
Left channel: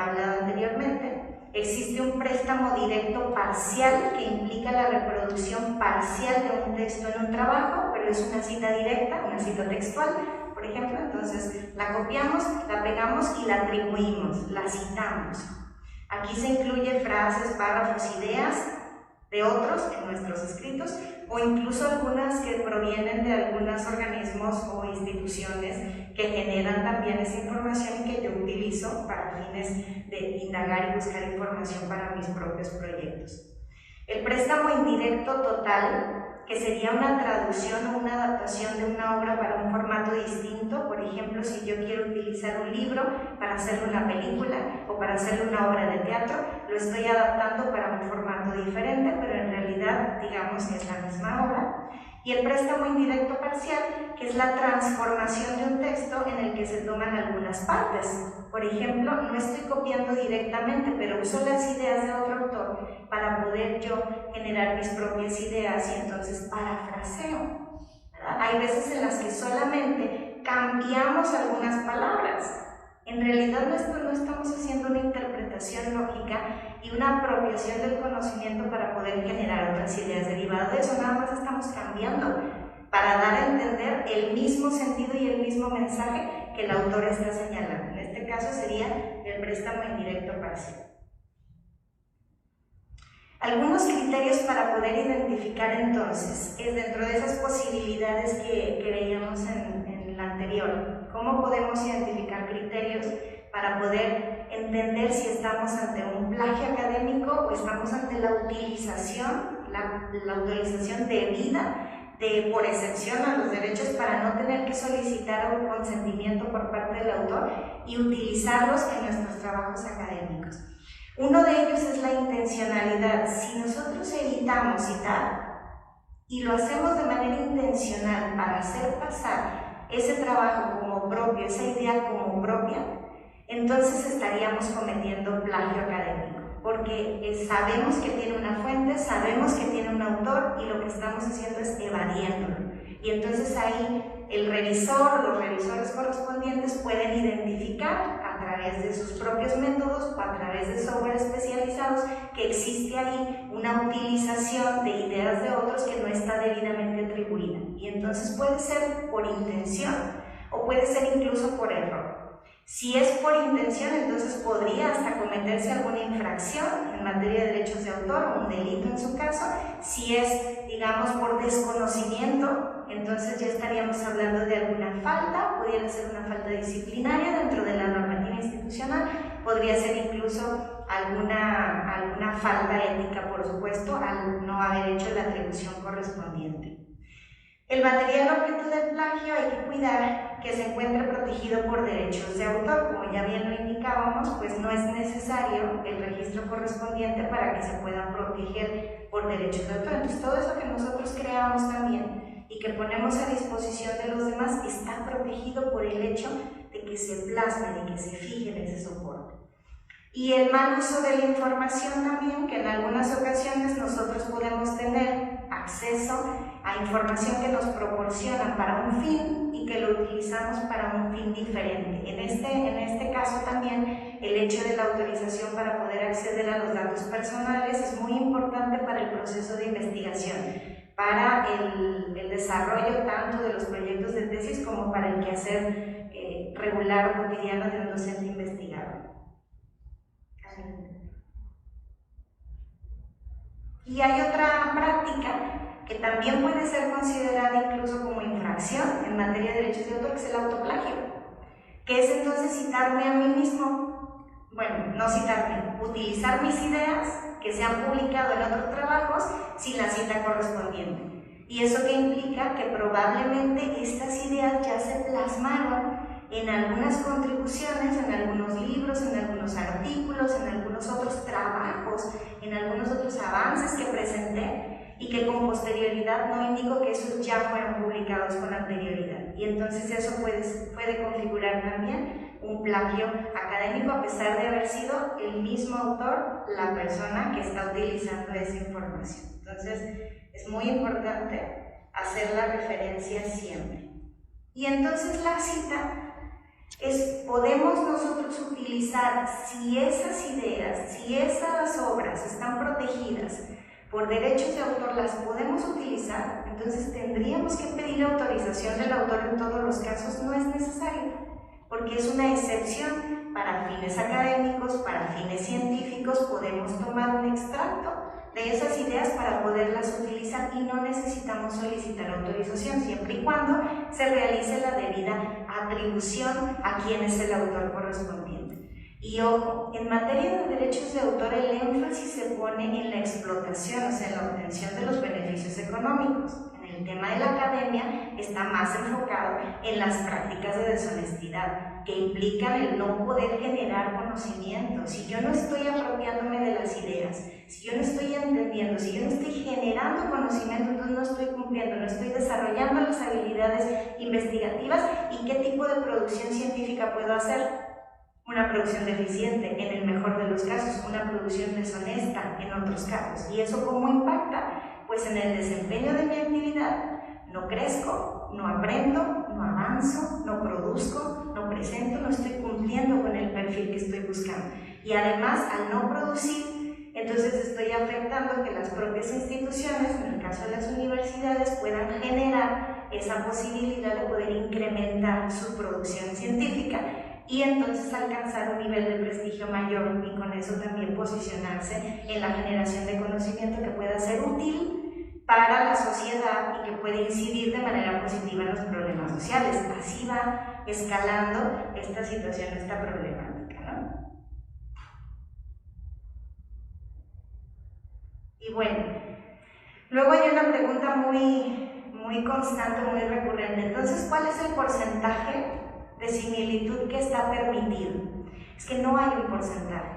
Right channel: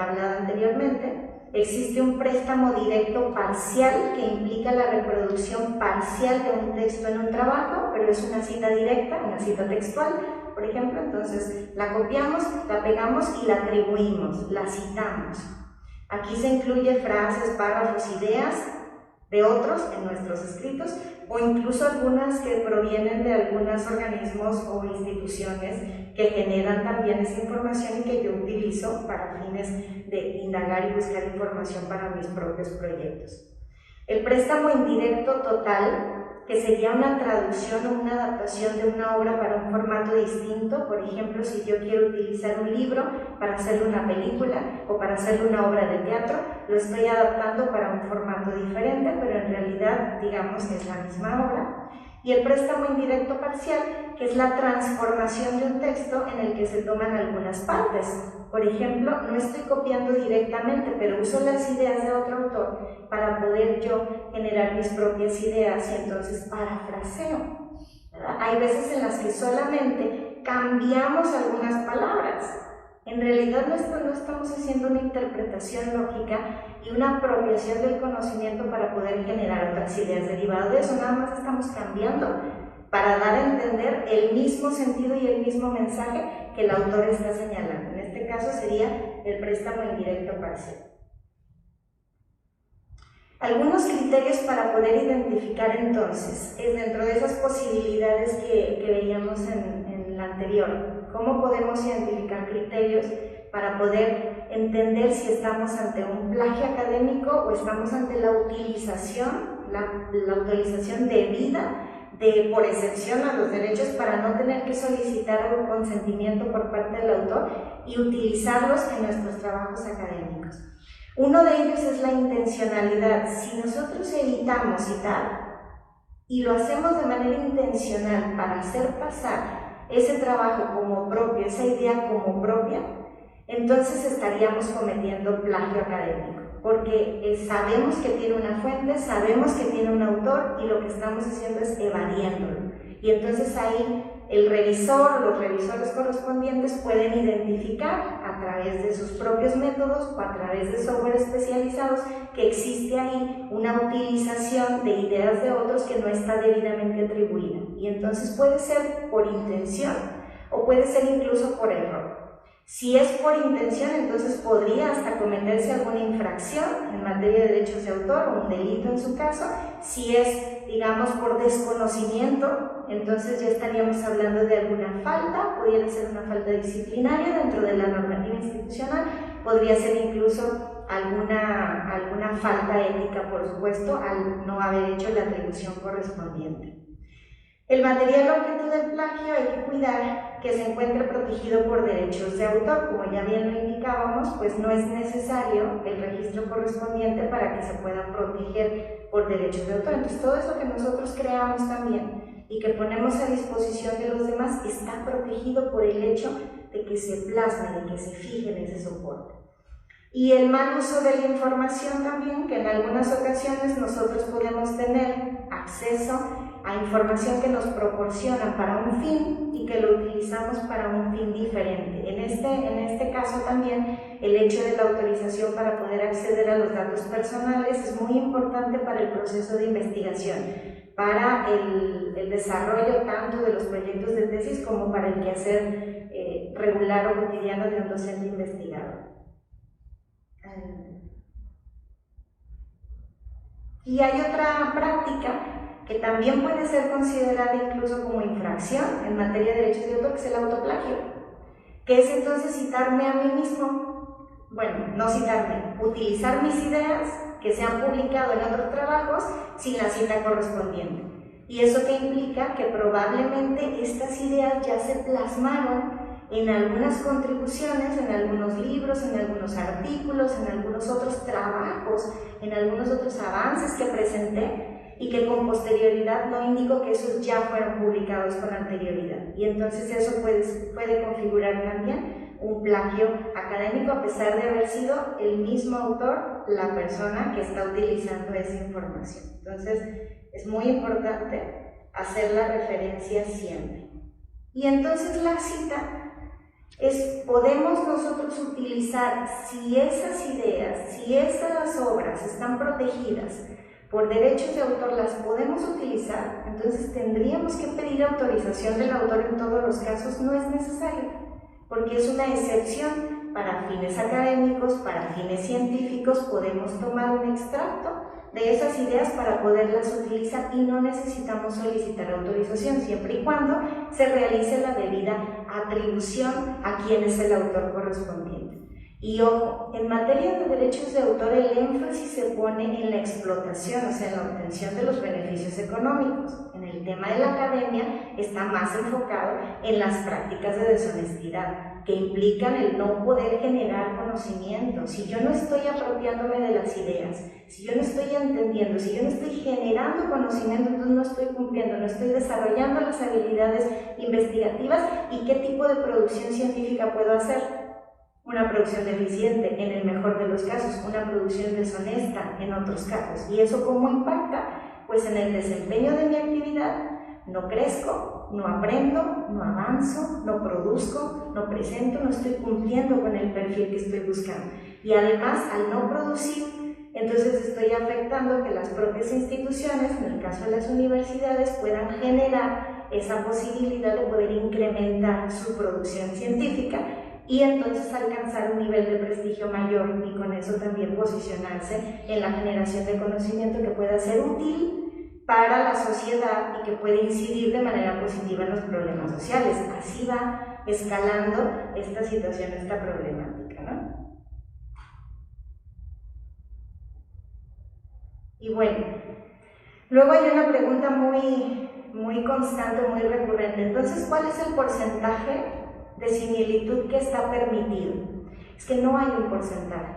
hablado anteriormente. Existe un préstamo directo parcial, que implica la reproducción parcial de un texto en un trabajo, pero es una cita directa, una cita textual, por ejemplo. Entonces la copiamos, la pegamos y la atribuimos, la citamos. Aquí se incluye frases, párrafos, ideas de otros en nuestros escritos, o incluso algunas que provienen de algunos organismos o instituciones que generan también esa información y que yo utilizo para fines de indagar y buscar información para mis propios proyectos. El préstamo indirecto total, que sería una traducción o una adaptación de una obra para un formato distinto. Por ejemplo, si yo quiero utilizar un libro para hacerle una película o para hacerle una obra de teatro, lo estoy adaptando para un formato diferente, pero en realidad, digamos que es la misma obra. Y el préstamo indirecto parcial, que es la transformación de un texto en el que se toman algunas partes. Por ejemplo, no estoy copiando directamente, pero uso las ideas de otro autor para poder yo generar mis propias ideas, y entonces parafraseo, ¿verdad? Hay veces en las que solamente cambiamos algunas palabras. En realidad no estamos haciendo una interpretación lógica y una apropiación del conocimiento para poder generar otras ideas derivadas de eso, nada más estamos cambiando para dar a entender el mismo sentido y el mismo mensaje que el autor está señalando. En este caso sería el préstamo indirecto parcial. Algunos criterios para poder identificar entonces, es dentro de esas posibilidades que veíamos en la anterior, ¿cómo podemos identificar criterios para poder entender si estamos ante un plagio académico o estamos ante la utilización, la autorización debida por excepción a los derechos para no tener que solicitar un consentimiento por parte del autor y utilizarlos en nuestros trabajos académicos? Uno de ellos es la intencionalidad. Si nosotros evitamos citar y lo hacemos de manera intencional para hacer pasar ese trabajo como propio, esa idea como propia, entonces estaríamos cometiendo plagio académico, porque sabemos que tiene una fuente, sabemos que tiene un autor y lo que estamos haciendo es evadiéndolo. Y entonces ahí el revisor, los revisores correspondientes pueden identificar a través de sus propios métodos o a través de software especializados que existe ahí una utilización de ideas de otros que no está debidamente atribuida. Y entonces puede ser por intención o puede ser incluso por error. Si es por intención, entonces podría hasta cometerse alguna infracción en materia de derechos de autor o un delito en su caso. Si es, digamos, por desconocimiento, entonces ya estaríamos hablando de alguna falta, pudiera ser una falta disciplinaria dentro de la normativa institucional, podría ser incluso alguna falta ética, por supuesto, al no haber hecho la atribución correspondiente. El material objeto del plagio hay que cuidar que se encuentre protegido por derechos de autor. Como ya bien lo indicábamos, pues no es necesario el registro correspondiente para que se puedan proteger por derechos de autor. Entonces todo eso que nosotros creamos también y que ponemos a disposición de los demás está protegido por el hecho de que se plasmen y que se fijen ese soporte. Y el mal uso de la información también, que en algunas ocasiones nosotros podemos tener acceso a información que nos proporciona para un fin y que lo utilizamos para un fin diferente. En este caso también el hecho de la autorización para poder acceder a los datos personales es muy importante para el proceso de investigación, para el desarrollo tanto de los proyectos de tesis como para el quehacer regular o cotidiano de un docente investigador. Y hay otra práctica que también puede ser considerada incluso como infracción en materia de derechos de autor, que es el autoplagio, que es entonces citarme a mí mismo, bueno, no citarme, utilizar mis ideas que se han publicado en otros trabajos sin la cita correspondiente. Y eso que implica que probablemente estas ideas ya se plasmaron en algunas contribuciones, en algunos libros, en algunos artículos, en algunos otros trabajos, en algunos otros avances que presenté y que con posterioridad no indico que esos ya fueron publicados con anterioridad. Y entonces eso puede configurar también un plagio académico a pesar de haber sido el mismo autor la persona que está utilizando esa información. Entonces es muy importante hacer la referencia siempre. Y entonces la cita podemos nosotros utilizar, si esas ideas, si esas obras están protegidas por derechos de autor, las podemos utilizar, entonces tendríamos que pedir autorización del autor en todos los casos. No es necesario, porque es una excepción para fines académicos, para fines científicos. Podemos tomar un extracto de esas ideas para poderlas utilizar y no necesitamos solicitar autorización, siempre y cuando se realice la debida atribución a quien es el autor correspondiente. Y ojo, en materia de derechos de autor el énfasis se pone en la explotación, o sea, en la obtención de los beneficios económicos. En el tema de la academia está más enfocado en las prácticas de deshonestidad, que implican el no poder generar conocimiento. Si yo no estoy apropiándome de las ideas, si yo no estoy entendiendo, si yo no estoy generando conocimiento, entonces no estoy cumpliendo, no estoy desarrollando las habilidades investigativas. ¿Y qué tipo de producción científica puedo hacer? Una producción deficiente en el mejor de los casos, una producción deshonesta en otros casos. ¿Y eso cómo impacta? Pues en el desempeño de mi actividad. No crezco, no aprendo, no avanzo, no produzco, no presento, no estoy cumpliendo con el perfil que estoy buscando. Y además, al no producir, entonces estoy afectando que las propias instituciones, en el caso de las universidades, puedan generar esa posibilidad de poder incrementar su producción científica, y entonces alcanzar un nivel de prestigio mayor y con eso también posicionarse en la generación de conocimiento que pueda ser útil para la sociedad y que puede incidir de manera positiva en los problemas sociales. Así va escalando esta situación, esta problemática, ¿no? Y bueno, luego hay una pregunta muy constante, muy recurrente. Entonces, ¿cuál es el porcentaje de similitud que está permitido? Es que no hay un porcentaje.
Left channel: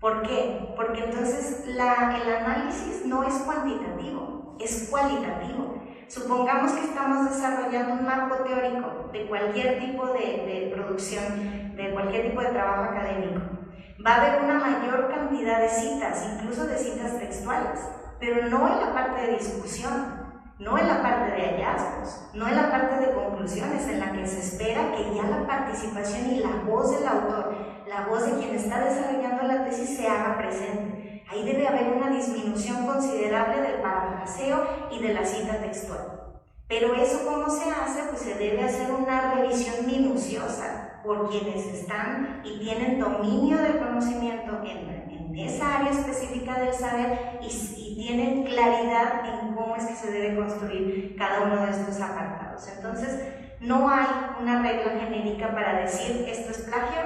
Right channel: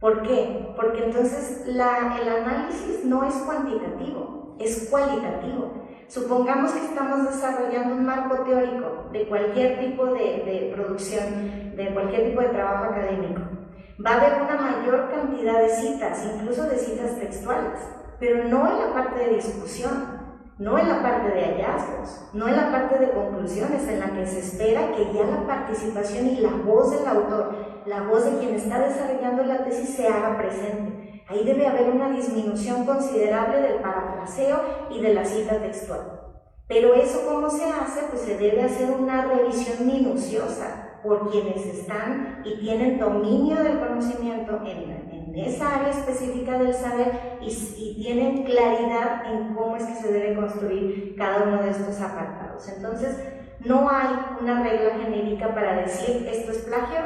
¿Por qué? Porque entonces el análisis no es cuantitativo, es cualitativo. Supongamos que estamos desarrollando un marco teórico de cualquier tipo de producción, de cualquier tipo de trabajo académico. Va a haber una mayor cantidad de citas, incluso de citas textuales, pero no en la parte de discusión, no en la parte de hallazgos, no en la parte de conclusiones, en la que se espera que ya la participación y la voz del autor, la voz de quien está desarrollando la tesis se haga presente. Ahí debe haber una disminución considerable del parafraseo y de la cita textual. Pero eso, ¿cómo se hace? Pues se debe hacer una revisión minuciosa por quienes están y tienen dominio del conocimiento en esa área específica del saber y tienen claridad en cómo es que se debe construir cada uno de estos apartados. Entonces, no hay una regla genérica para decir esto es plagio,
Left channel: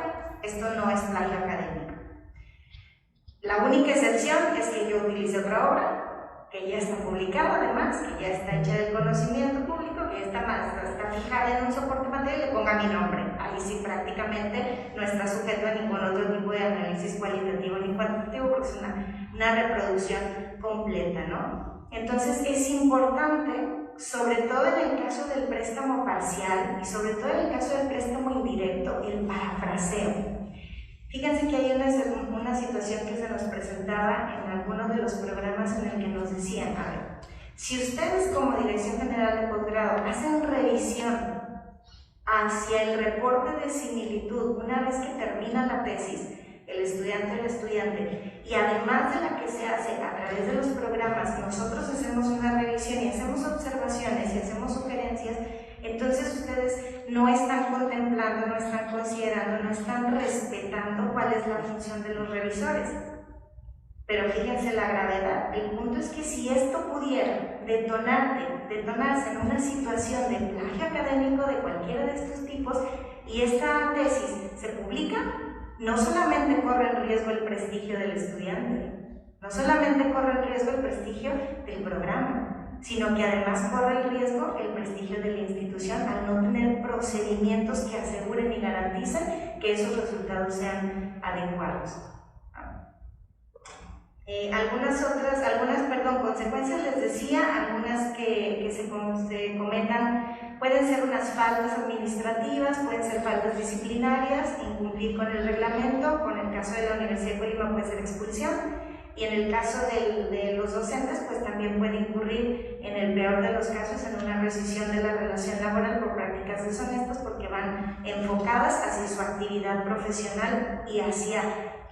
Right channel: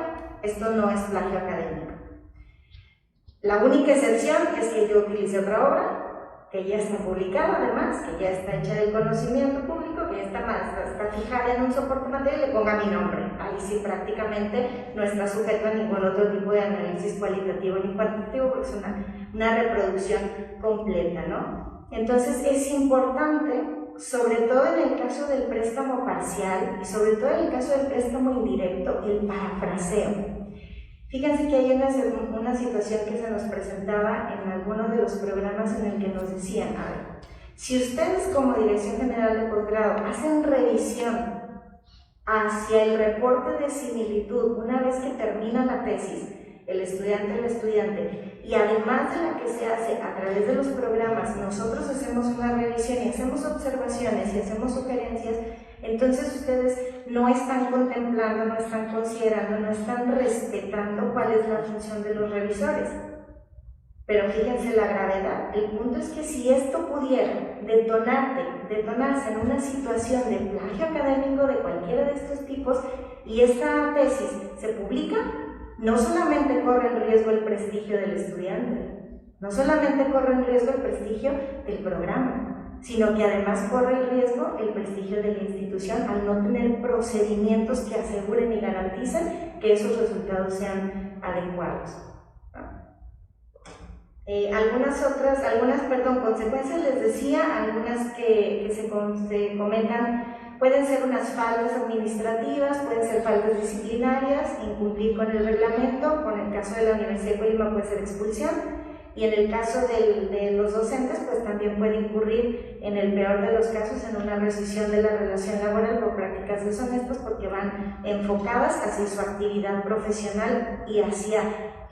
esto no es plagio académico. La única excepción es que yo utilice otra obra que ya está publicada, además, que ya está hecha del conocimiento público, que ya está fijada en un soporte material, le ponga mi nombre. Ahí sí prácticamente no está sujeto a ningún otro tipo de análisis cualitativo ni cuantitativo, porque es una reproducción completa, ¿no? Entonces es importante, sobre todo en el caso del préstamo parcial y sobre todo en el caso del préstamo indirecto, el parafraseo. Fíjense que hay una situación que se nos presentaba en algunos de los programas en el que nos decían, a ver, si ustedes como Dirección General de Posgrado hacen revisión hacia el reporte de similitud una vez que termina la tesis, el estudiante, y además de la que se hace a través de los programas, nosotros hacemos una revisión y hacemos observaciones y hacemos sugerencias, entonces ustedes no están contemplando, no están considerando, no están respetando cuál es la función de los revisores. Pero fíjense la gravedad. El punto es que si esto pudiera detonarse en una situación de plagio académico de cualquiera de estos tipos y esta tesis se publica, no solamente corre en riesgo el prestigio del estudiante, no solamente corre en riesgo el prestigio del programa, sino que además corre el riesgo el prestigio de la institución al no tener procedimientos que aseguren y garanticen que esos resultados sean adecuados. Algunas consecuencias les decía, algunas que se comentan, pueden ser unas faltas administrativas, pueden ser faltas disciplinarias, incumplir con el reglamento, con el caso de la Universidad de Colima puede ser expulsión, y en el caso de los docentes, pues también puede incurrir, en el peor de los casos, en una rescisión de la relación laboral por prácticas deshonestas, porque van enfocadas hacia su actividad profesional y hacia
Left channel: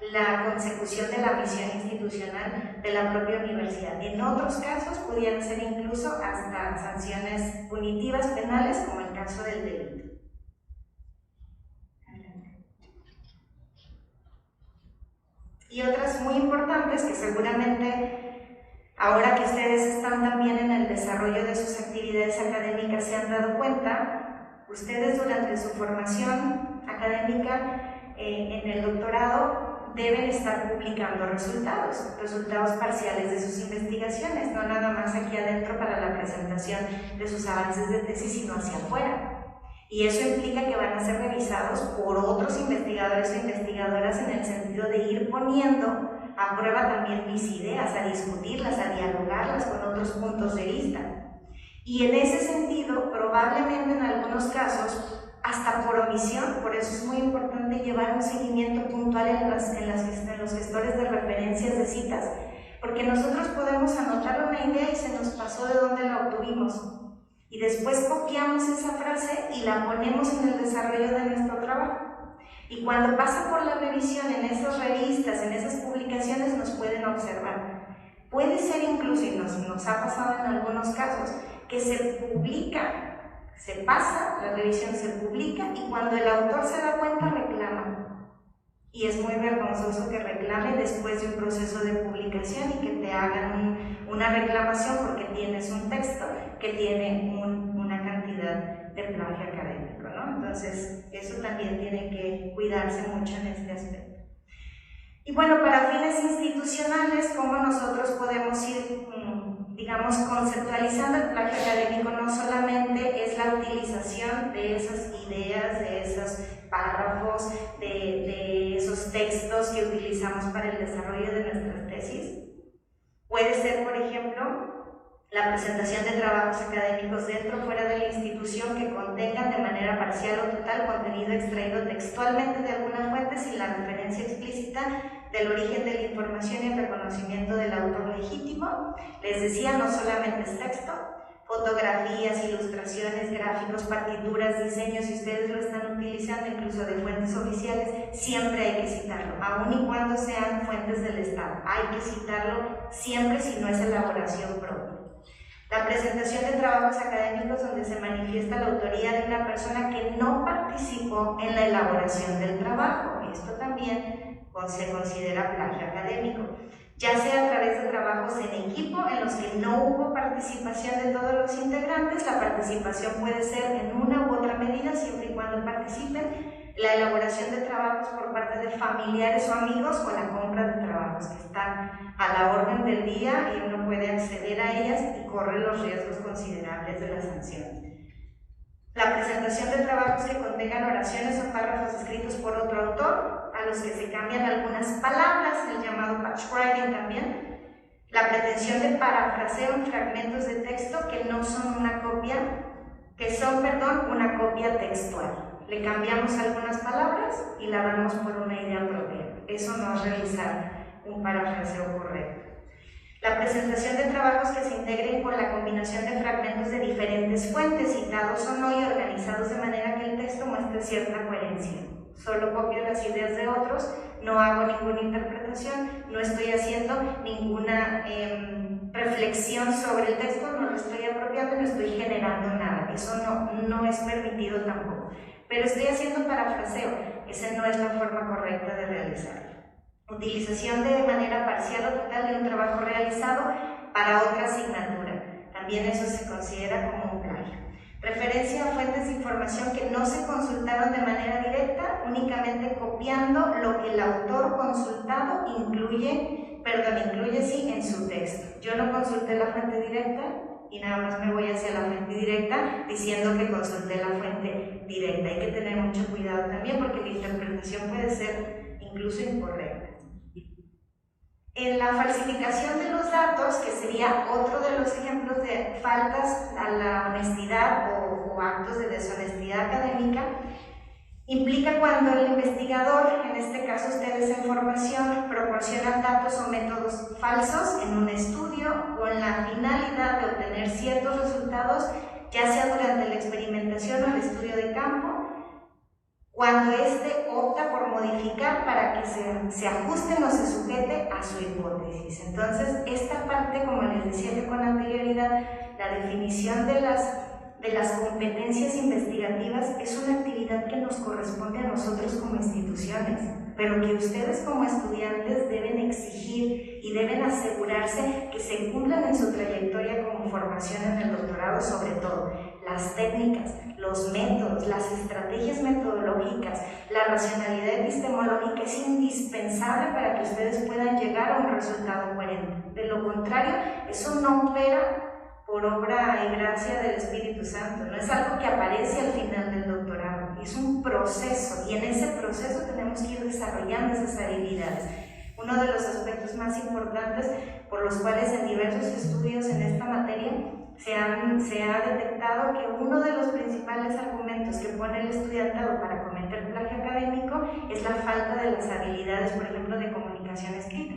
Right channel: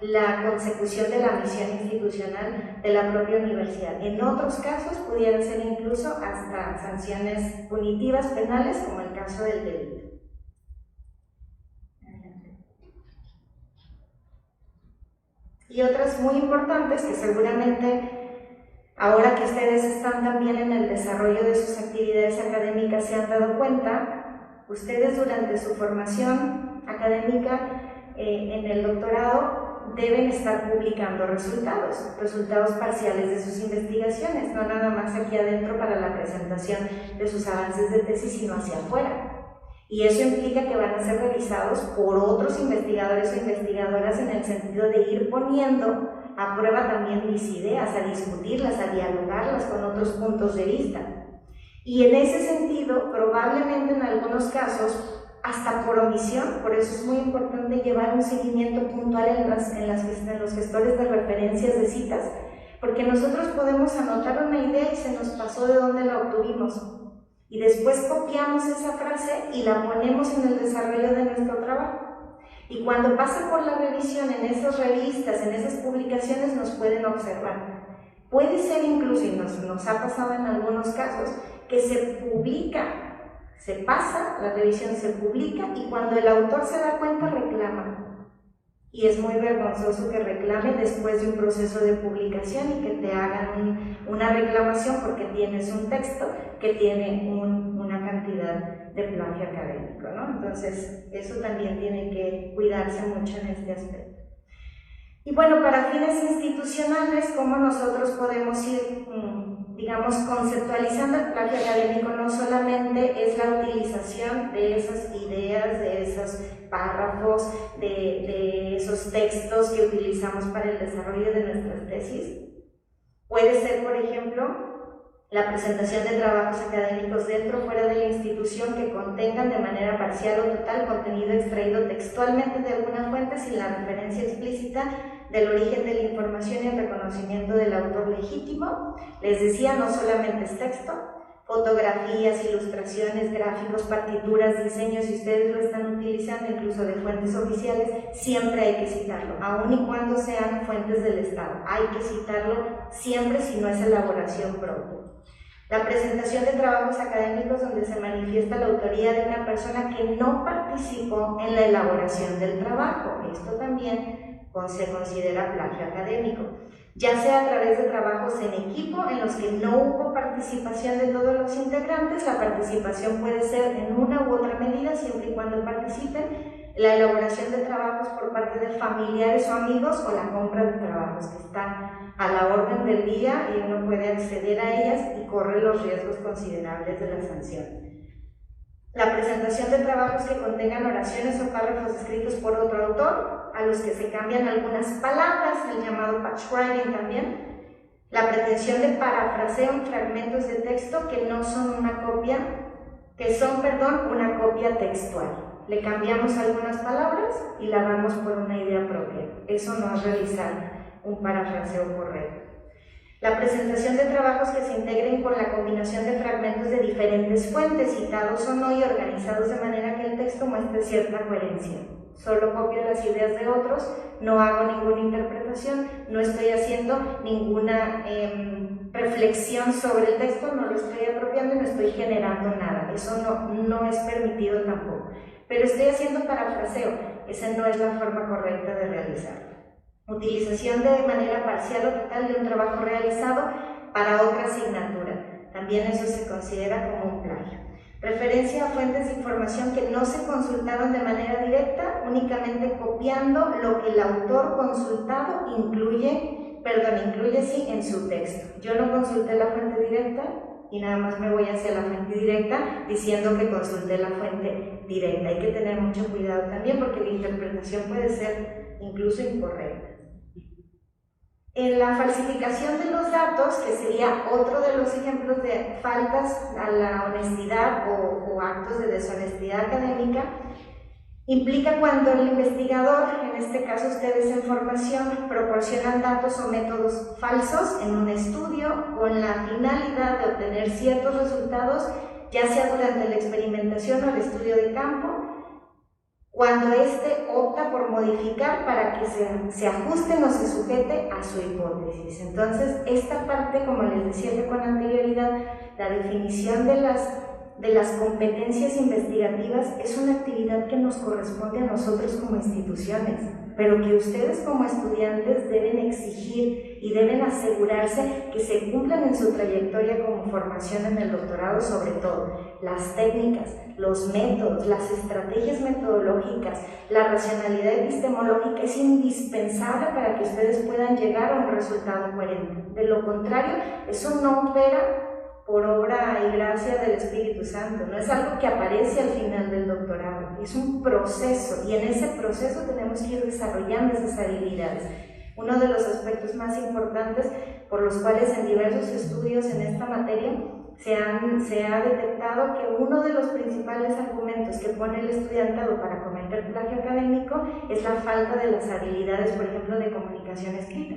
la consecución de la misión institucional de la propia universidad. En otros casos pudieran ser incluso hasta sanciones punitivas penales, como el caso del delito. Y otras muy importantes que seguramente ahora que ustedes están también en el desarrollo de sus actividades académicas se han dado cuenta, ustedes durante su formación académica en el doctorado deben estar publicando resultados parciales de sus investigaciones, no nada más aquí adentro para la presentación de sus avances de tesis, sino hacia afuera. Y eso implica que van a ser revisados por otros investigadores o investigadoras en el sentido de ir poniendo a prueba también mis ideas, a discutirlas, a dialogarlas con otros puntos de vista. Y en ese sentido, probablemente en algunos casos, hasta por omisión, por eso es muy importante llevar un seguimiento puntual en los gestores de referencias de citas, porque nosotros podemos anotar una idea y se nos pasó de dónde la obtuvimos, y después copiamos esa frase y la ponemos en el desarrollo de nuestro trabajo. Y cuando pasa por la revisión en esas revistas, en esas publicaciones, nos pueden observar. Puede ser incluso, y nos ha pasado en algunos casos, que se publica Se pasa, la revisión se publica y cuando el autor se da cuenta reclama. Y es muy vergonzoso que reclame después de un proceso de publicación y que te hagan una reclamación porque tienes un texto que tiene una cantidad de plagio académico, ¿no? Entonces, eso también tiene que cuidarse mucho en este aspecto. Y bueno, para fines institucionales, ¿cómo nosotros podemos ir, digamos, conceptualizando el plagio académico? No solamente es la utilización de esas ideas, de esos párrafos, de esos textos que utilizamos para el desarrollo de nuestras tesis. Puede ser, por ejemplo, la presentación de trabajos académicos dentro o fuera de la institución que contengan de manera parcial o total contenido extraído textualmente de alguna fuente sin la referencia explícita del origen de la información y el reconocimiento del autor legítimo. Les decía, no solamente es texto, fotografías, ilustraciones, gráficos, partituras, diseños, si ustedes lo están utilizando incluso de fuentes oficiales, siempre hay que citarlo, aun y cuando sean fuentes del Estado. Hay que citarlo siempre si no es elaboración propia. La presentación de trabajos académicos donde se manifiesta la autoría de una persona que no participó en la elaboración del trabajo. Esto también se considera plagio académico, ya sea a través de trabajos en equipo en los que no hubo participación de todos los integrantes. La participación puede ser en una u otra medida, siempre y cuando participen. La elaboración de trabajos por parte de familiares o amigos o la compra de trabajos que están a la orden del día y uno puede acceder a ellas y corre los riesgos considerables de la sanción. La presentación de trabajos que contengan oraciones o párrafos escritos por otro autor, a los que se cambian algunas palabras, el llamado patchwriting también. La pretensión de parafraseo en fragmentos de texto que no son una copia, una copia textual. Le cambiamos algunas palabras y la damos por una idea propia. Eso no es realizar un parafraseo correcto. La presentación de trabajos que se integren con la combinación de fragmentos de diferentes fuentes, citados o no y organizados de manera que el texto muestre cierta coherencia. Solo copio las ideas de otros, no hago ninguna interpretación, no estoy haciendo ninguna reflexión sobre el texto, no lo estoy apropiando, no estoy generando nada. Eso no es permitido tampoco. Pero estoy haciendo parafraseo, esa no es la forma correcta de realizarlo. Utilización de manera parcial o total de un trabajo realizado para otra asignatura. También eso se considera como un plagio. Referencia a fuentes de información que no se consultaron de manera directa, únicamente copiando lo que el autor consultado incluye en su texto. Yo no consulté la fuente directa y nada más me voy hacia la fuente directa diciendo que consulté la fuente directa. Hay que tener mucho cuidado también porque la interpretación puede ser incluso incorrecta. En la falsificación de los datos, que sería otro de los ejemplos de faltas a la honestidad o actos de deshonestidad académica, implica cuando el investigador, en este caso ustedes en formación, proporcionan datos o métodos falsos en un estudio con la finalidad de obtener ciertos resultados, ya sea durante la experimentación o el estudio de campo, cuando éste opta por modificar para que se ajuste o se sujete a su hipótesis. Entonces, esta parte, como les decía con anterioridad, la definición de las competencias investigativas es una actividad que nos corresponde a nosotros como instituciones, pero que ustedes como estudiantes deben exigir y deben asegurarse que se cumplan en su trayectoria como formación en el doctorado, sobre todo las técnicas, los métodos, las estrategias metodológicas, la racionalidad epistemológica es indispensable para que ustedes puedan llegar a un resultado coherente. De lo contrario, eso no opera por obra y gracia del Espíritu Santo, no es algo que aparece al final del doctorado, es un proceso y en ese proceso tenemos que ir desarrollando esas habilidades. Uno de los aspectos más importantes por los cuales en diversos estudios en esta materia se ha detectado que uno de los principales argumentos que pone el estudiantado para cometer plagio académico es la falta de las habilidades, por ejemplo, de comunicación escrita,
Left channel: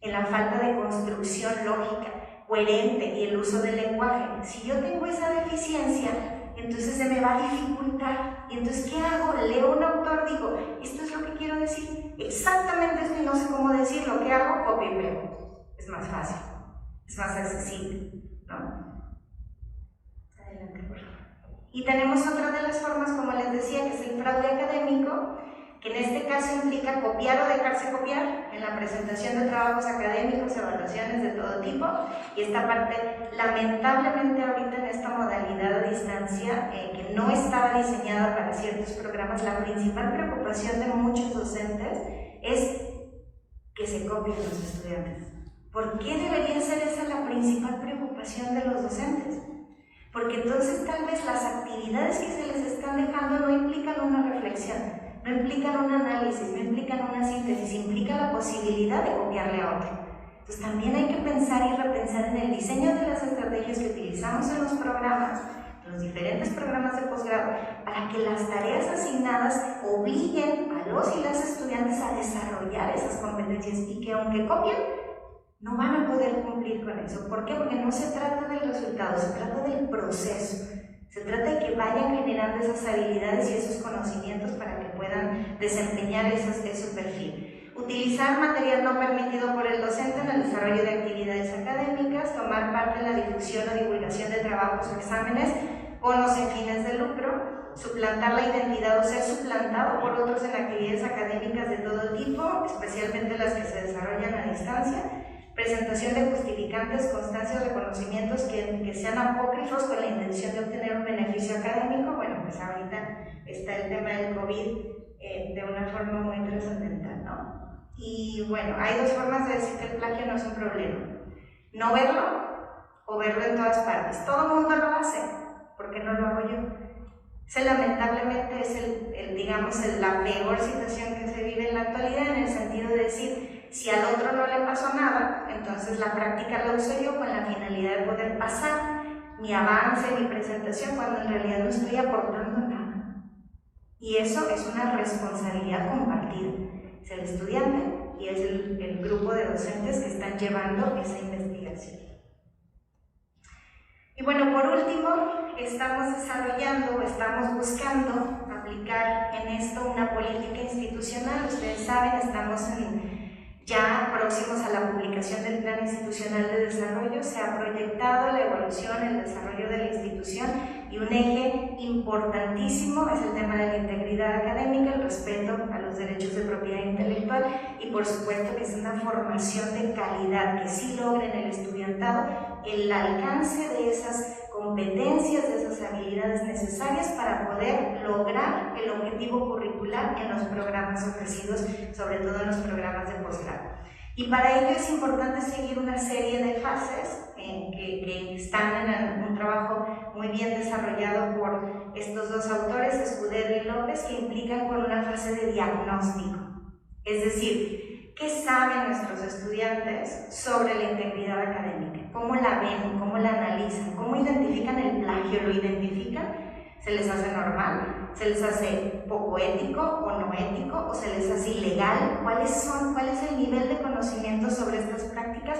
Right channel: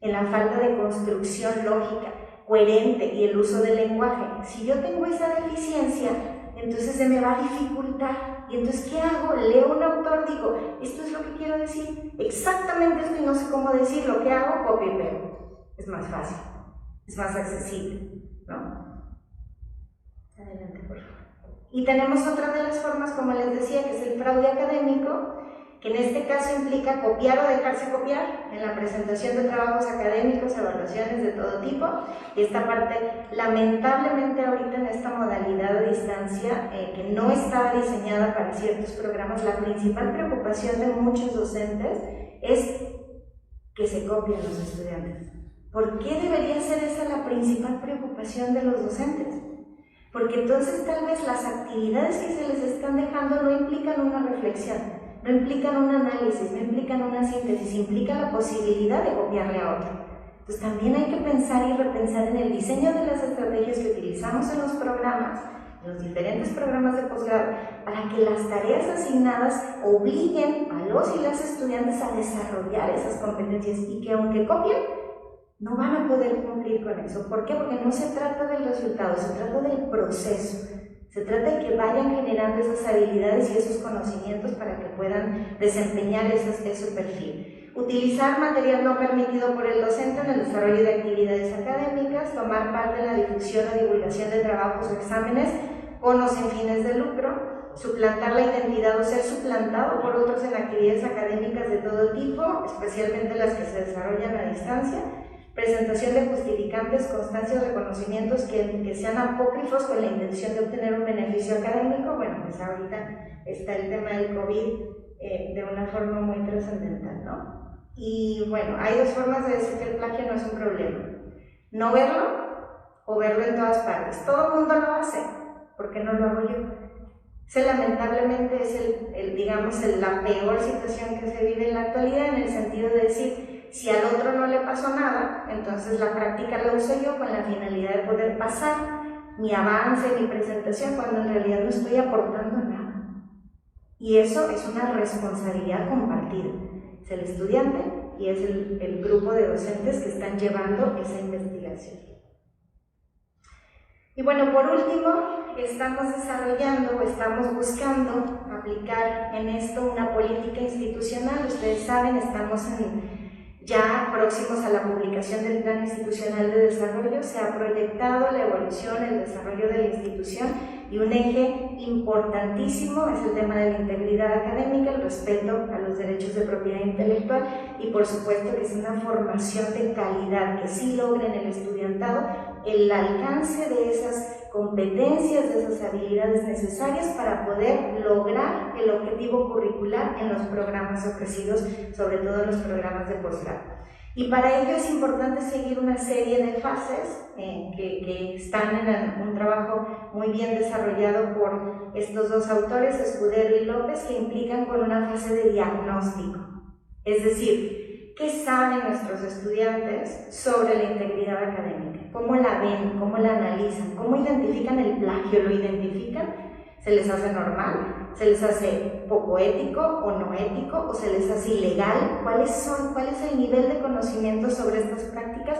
en la falta de construcción lógica, coherente y el uso del lenguaje. Si yo tengo esa deficiencia, entonces se me va a dificultar. Y entonces, ¿qué hago? Leo un autor, digo, esto es lo que quiero decir, exactamente esto y no sé cómo decirlo. ¿Qué hago? Copio y pego. Es más fácil, es más accesible, ¿no? Adelante, por favor. Y tenemos otra de las formas, como les decía, que es el fraude académico, que en este caso implica copiar o dejarse copiar en la presentación de trabajos académicos, evaluaciones de todo tipo. Y esta parte, lamentablemente ahorita en esta modalidad a distancia, que no estaba diseñada para ciertos programas, la principal preocupación de muchos docentes es que se copien los estudiantes. ¿Por qué debería ser esa la principal preocupación de los docentes? Porque entonces tal vez las actividades que se les están dejando no implican una reflexión, no implican un análisis, no implican una síntesis, implica la posibilidad de copiarle a otro. Entonces también hay que pensar y repensar en el diseño de las estrategias que utilizamos en los programas, en los diferentes programas de posgrado, para que las tareas asignadas obliguen a los y las estudiantes a desarrollar esas competencias y que aunque copien, no van a poder cumplir con eso. ¿Por qué? Porque no se trata del resultado, se trata del proceso. Se trata de que vayan generando esas habilidades y esos conocimientos para que puedan desempeñar ese perfil. Utilizar material no permitido por el docente en el desarrollo de actividades académicas, tomar parte en la difusión o divulgación de trabajos o exámenes con o sin fines de lucro, suplantar la identidad o ser suplantado por otros en actividades académicas de todo tipo, especialmente las que se desarrollan a distancia, presentación de justificantes, constancias o reconocimientos que sean apócrifos con la intención de obtener un beneficio académico. Bueno, pues ahorita está el tema del COVID de una forma muy trascendental, ¿no? Y bueno, hay dos formas de decir que el plagio no es un problema: no verlo o verlo en todas partes. Todo el mundo lo hace, ¿por qué no lo hago yo? Ese lamentablemente es la peor situación que se vive en la actualidad, en el sentido de decir, si al otro no le pasó nada, entonces la práctica la uso yo con la finalidad de poder pasar mi avance, mi presentación, cuando en realidad no estoy aportando nada. Y eso es una responsabilidad compartida. Es el estudiante y es el grupo de docentes que están llevando esa investigación. Y bueno, por último, estamos desarrollando o estamos buscando aplicar en esto una política institucional. Ustedes saben, estamos ya próximos a la publicación del Plan Institucional de Desarrollo. Se ha proyectado la evolución, el desarrollo de la institución, y un eje importantísimo es el tema de la integridad académica, el respeto a los derechos de propiedad intelectual y por supuesto que es una formación de calidad que sí logre en el estudiantado el alcance de esas competencias, de esas habilidades necesarias para poder lograr el objetivo curricular en los programas ofrecidos, sobre todo en los programas de posgrado. Y para ello es importante seguir una serie de fases que están en un trabajo muy bien desarrollado por estos dos autores, Escudero y López, que implican con una fase de diagnóstico. Es decir, ¿qué saben nuestros estudiantes sobre la integridad académica? ¿Cómo la ven? ¿Cómo la analizan? ¿Cómo identifican el plagio? ¿Lo identifican? ¿Se les hace normal? ¿Se les hace poco ético o no ético? ¿O se les hace ilegal? ¿Cuál es el nivel de conocimiento sobre estas prácticas?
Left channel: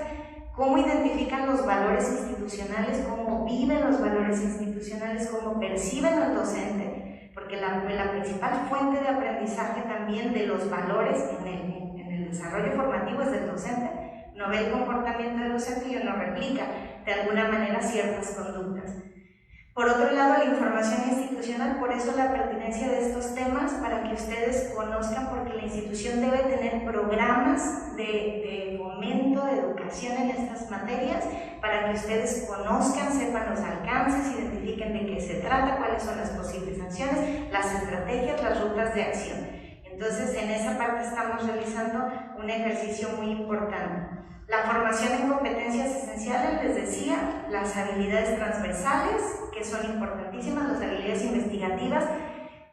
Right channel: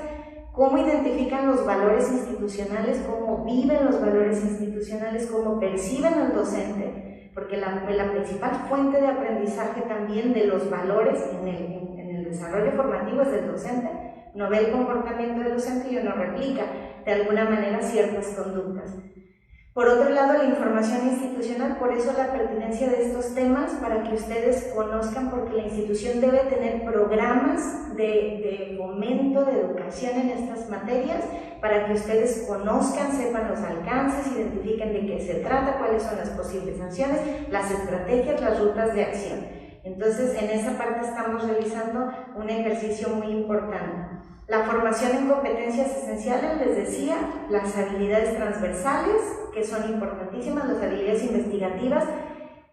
¿Cómo identifican los valores institucionales? ¿Cómo viven los valores institucionales? ¿Cómo perciben al docente? Porque la principal fuente de aprendizaje también de los valores en el desarrollo formativo es del docente. Uno ve el comportamiento del docente y uno replica de alguna manera ciertas conductas. Por otro lado, la información institucional, por eso la pertinencia de estos temas, para que ustedes conozcan, porque la institución debe tener programas de fomento, de educación en estas materias, para que ustedes conozcan, sepan los alcances, identifiquen de qué se trata, cuáles son las posibles sanciones, las estrategias, las rutas de acción. Entonces, en esa parte estamos realizando un ejercicio muy importante. La formación en competencias esenciales, les decía, las habilidades transversales, que son importantísimas, las habilidades investigativas,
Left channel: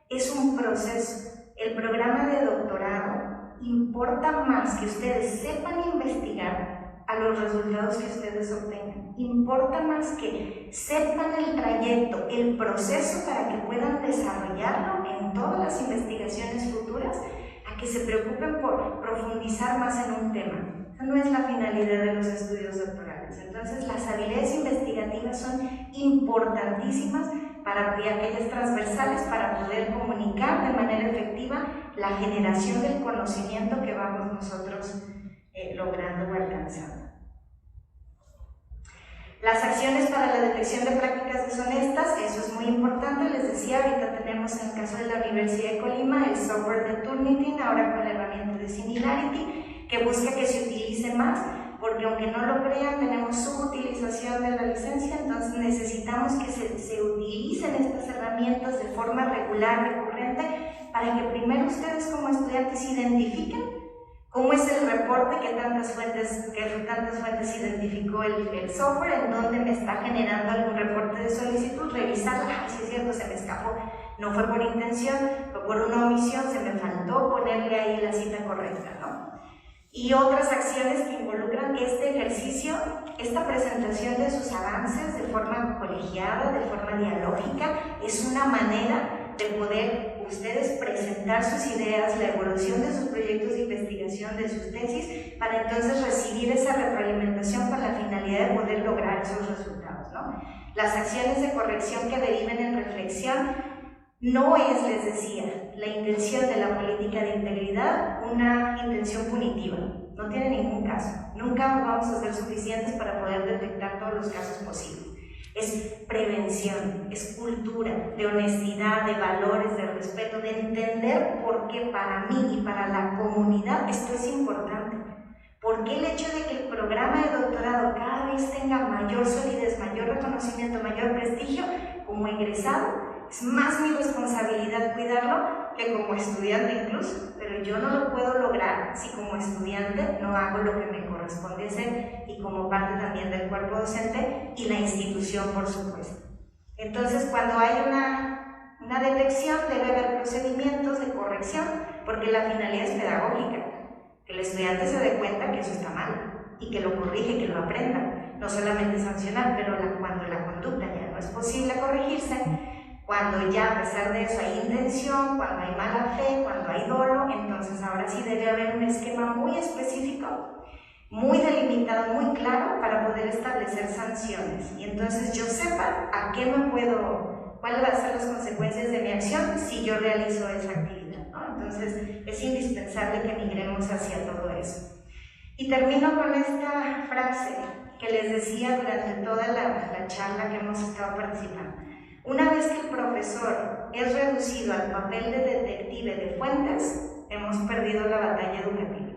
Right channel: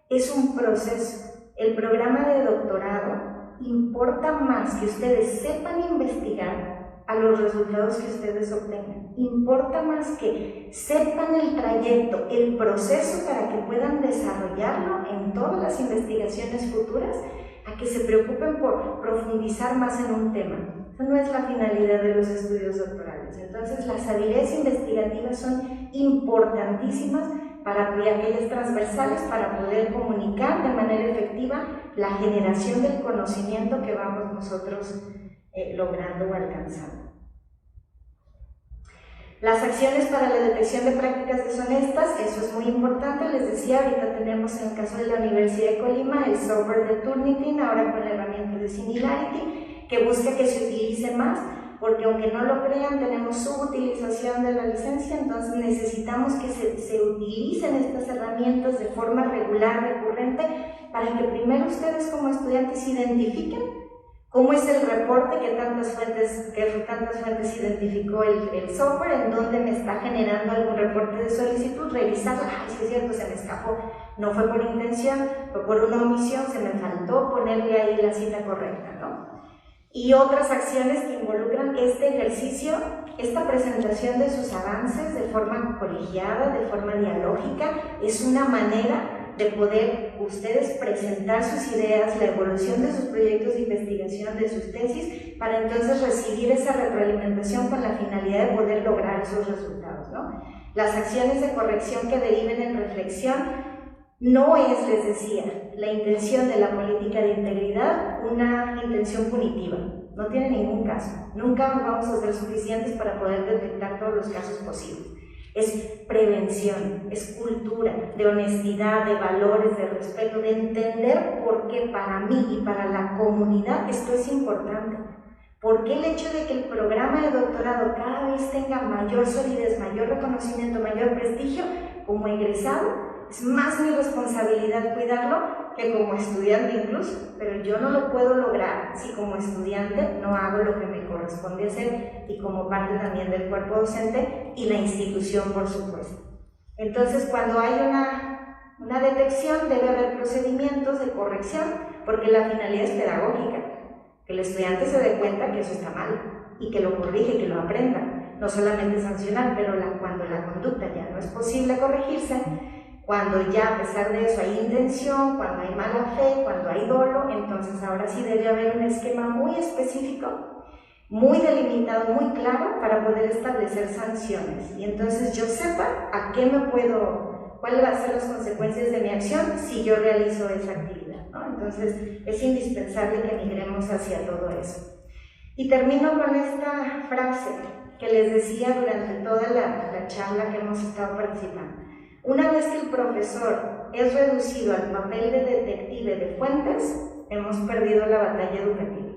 es un proceso. El programa de doctorado importa más que ustedes sepan investigar a los resultados que ustedes obtengan. Importa más que sepan el trayecto, el proceso para que puedan desarrollarlo en todas las investigaciones futuras, a que se preocupen por profundizar más en un tema. Esa no es la finalidad de los estudios doctorales. Entonces, las habilidades investigativas son importantísimas para aquellas transversales, para poder comunicar de manera efectiva la generación del conocimiento que vamos nosotros logrando o alcanzando. Las acciones para la detección de prácticas deshonestas, eso es muy importante, les decía, ahorita tenemos en el caso de la Universidad de Colima el software de Turnitin, ahora con la herramienta de Similarity, que busca que se utilice más, porque aunque no lo crean, tenemos subutilización de la licencia, entonces necesitamos que se utilicen estas herramientas de forma regular, recurrente, para que primero ustedes como estudiantes identifiquen cómo es el reporte, que tantas fuentes identificó el software, en dónde me está generando algún reporte de solicitud, revisarla, si es cierto, se me escapó, no fue por intención, fue por una omisión, se me faltó ponerle ahí la cita correcta, ¿no? Y otras acciones que involucran este ejercicio, esta presentación de sus avances de forma colegiada, de forma dialógica, es una manera de poder ustedes presentar sus ideas, la evolución de sus proyectos de investigación, de sus tesis, para entonces recibir esa retroalimentación con la finalidad de poder lograr esos resultados, ¿no? Las acciones de corrección que deriven en reflexión no es, les decía, la intención de la política de integridad una intención punitiva, no tiene ningún caso, nunca vamos a ser suficientes para poder detectar todos los casos posibles. Es prevención, es cultura, de honestidad, de valores, de respeto, de entender por qué para mí y para la comunidad esto es importante. ¿Por qué el hecho de que el programa de doctorado cada vez tenga mayor solidez, mayor reconocimiento, mayor prestigio, como egresado, es más mi responsabilidad cuidarlo que como estudiante incluso, pero yo no lo puedo lograr si como estudiante no hago lo que me corresponde hacer y como parte también del cuerpo docente y la institución, por supuesto. Entonces, cuando hay una detección, debe haber procedimientos de corrección, porque la finalidad es pedagógica, que el estudiante se dé cuenta que eso está mal y que lo corrige, que lo aprenda, no solamente sancionar, pero cuando la conducta ya no es posible corregirse, cuando ya a pesar de eso hay intención, cuando hay mala fe, cuando hay dolo, entonces ahora sí debe haber un esquema muy específico, muy delimitado, muy claro para poder establecer sanciones. Y entonces yo sepa a qué cuáles van a ser las consecuencias de mi acción si yo realizo esa actividad, ¿no? Entonces es indispensable que migremos hacia todo eso. Y termino con esta frase que les decía durante toda la charla que hemos estado participando. Una vez que el profesor es reducido al papel de detective de fuentes, hemos perdido la batalla educativa.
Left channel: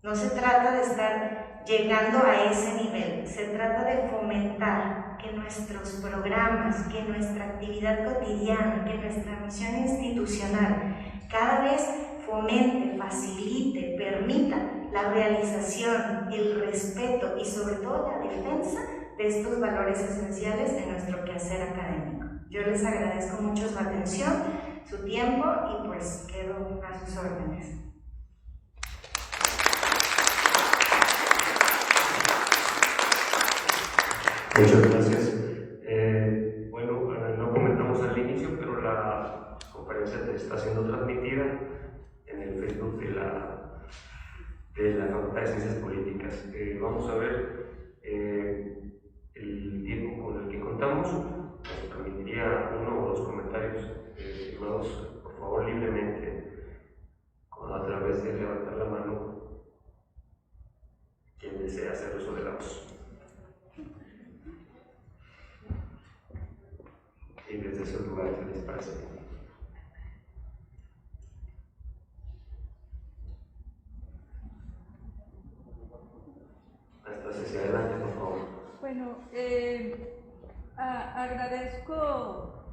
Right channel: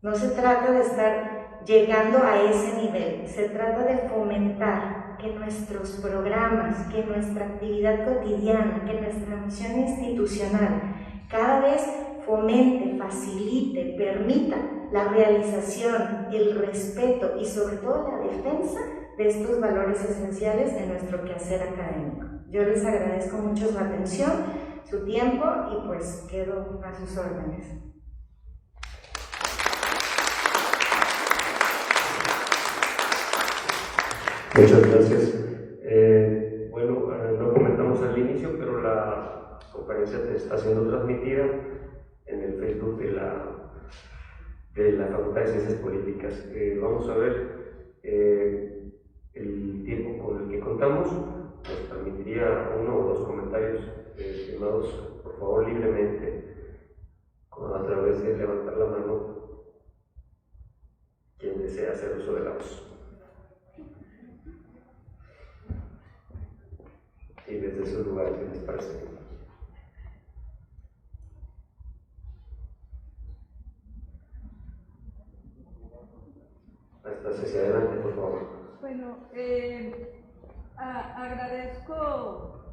No se trata de estar llegando a ese nivel, se trata de fomentar que nuestros programas, que nuestra actividad cotidiana, que nuestra misión institucional cada vez fomente, facilite, permita la realización, el respeto y sobre todo la defensa de estos valores esenciales en nuestro quehacer académico. Yo les agradezco mucho su atención, su tiempo y pues quedo a sus órdenes. Muchas gracias. Lo comentamos al inicio, pero la conferencia está siendo transmitida en el Facebook de la Facultad de Ciencias Políticas. Vamos a ver el tiempo con el que contamos. Nos permitiría uno o dos comentarios firmados, por favor, libremente, a través de levantar la mano quien desea hacer uso de la voz. Y desde su lugar, ¿qué les parece? Hasta hacia adelante, por favor. Bueno, agradezco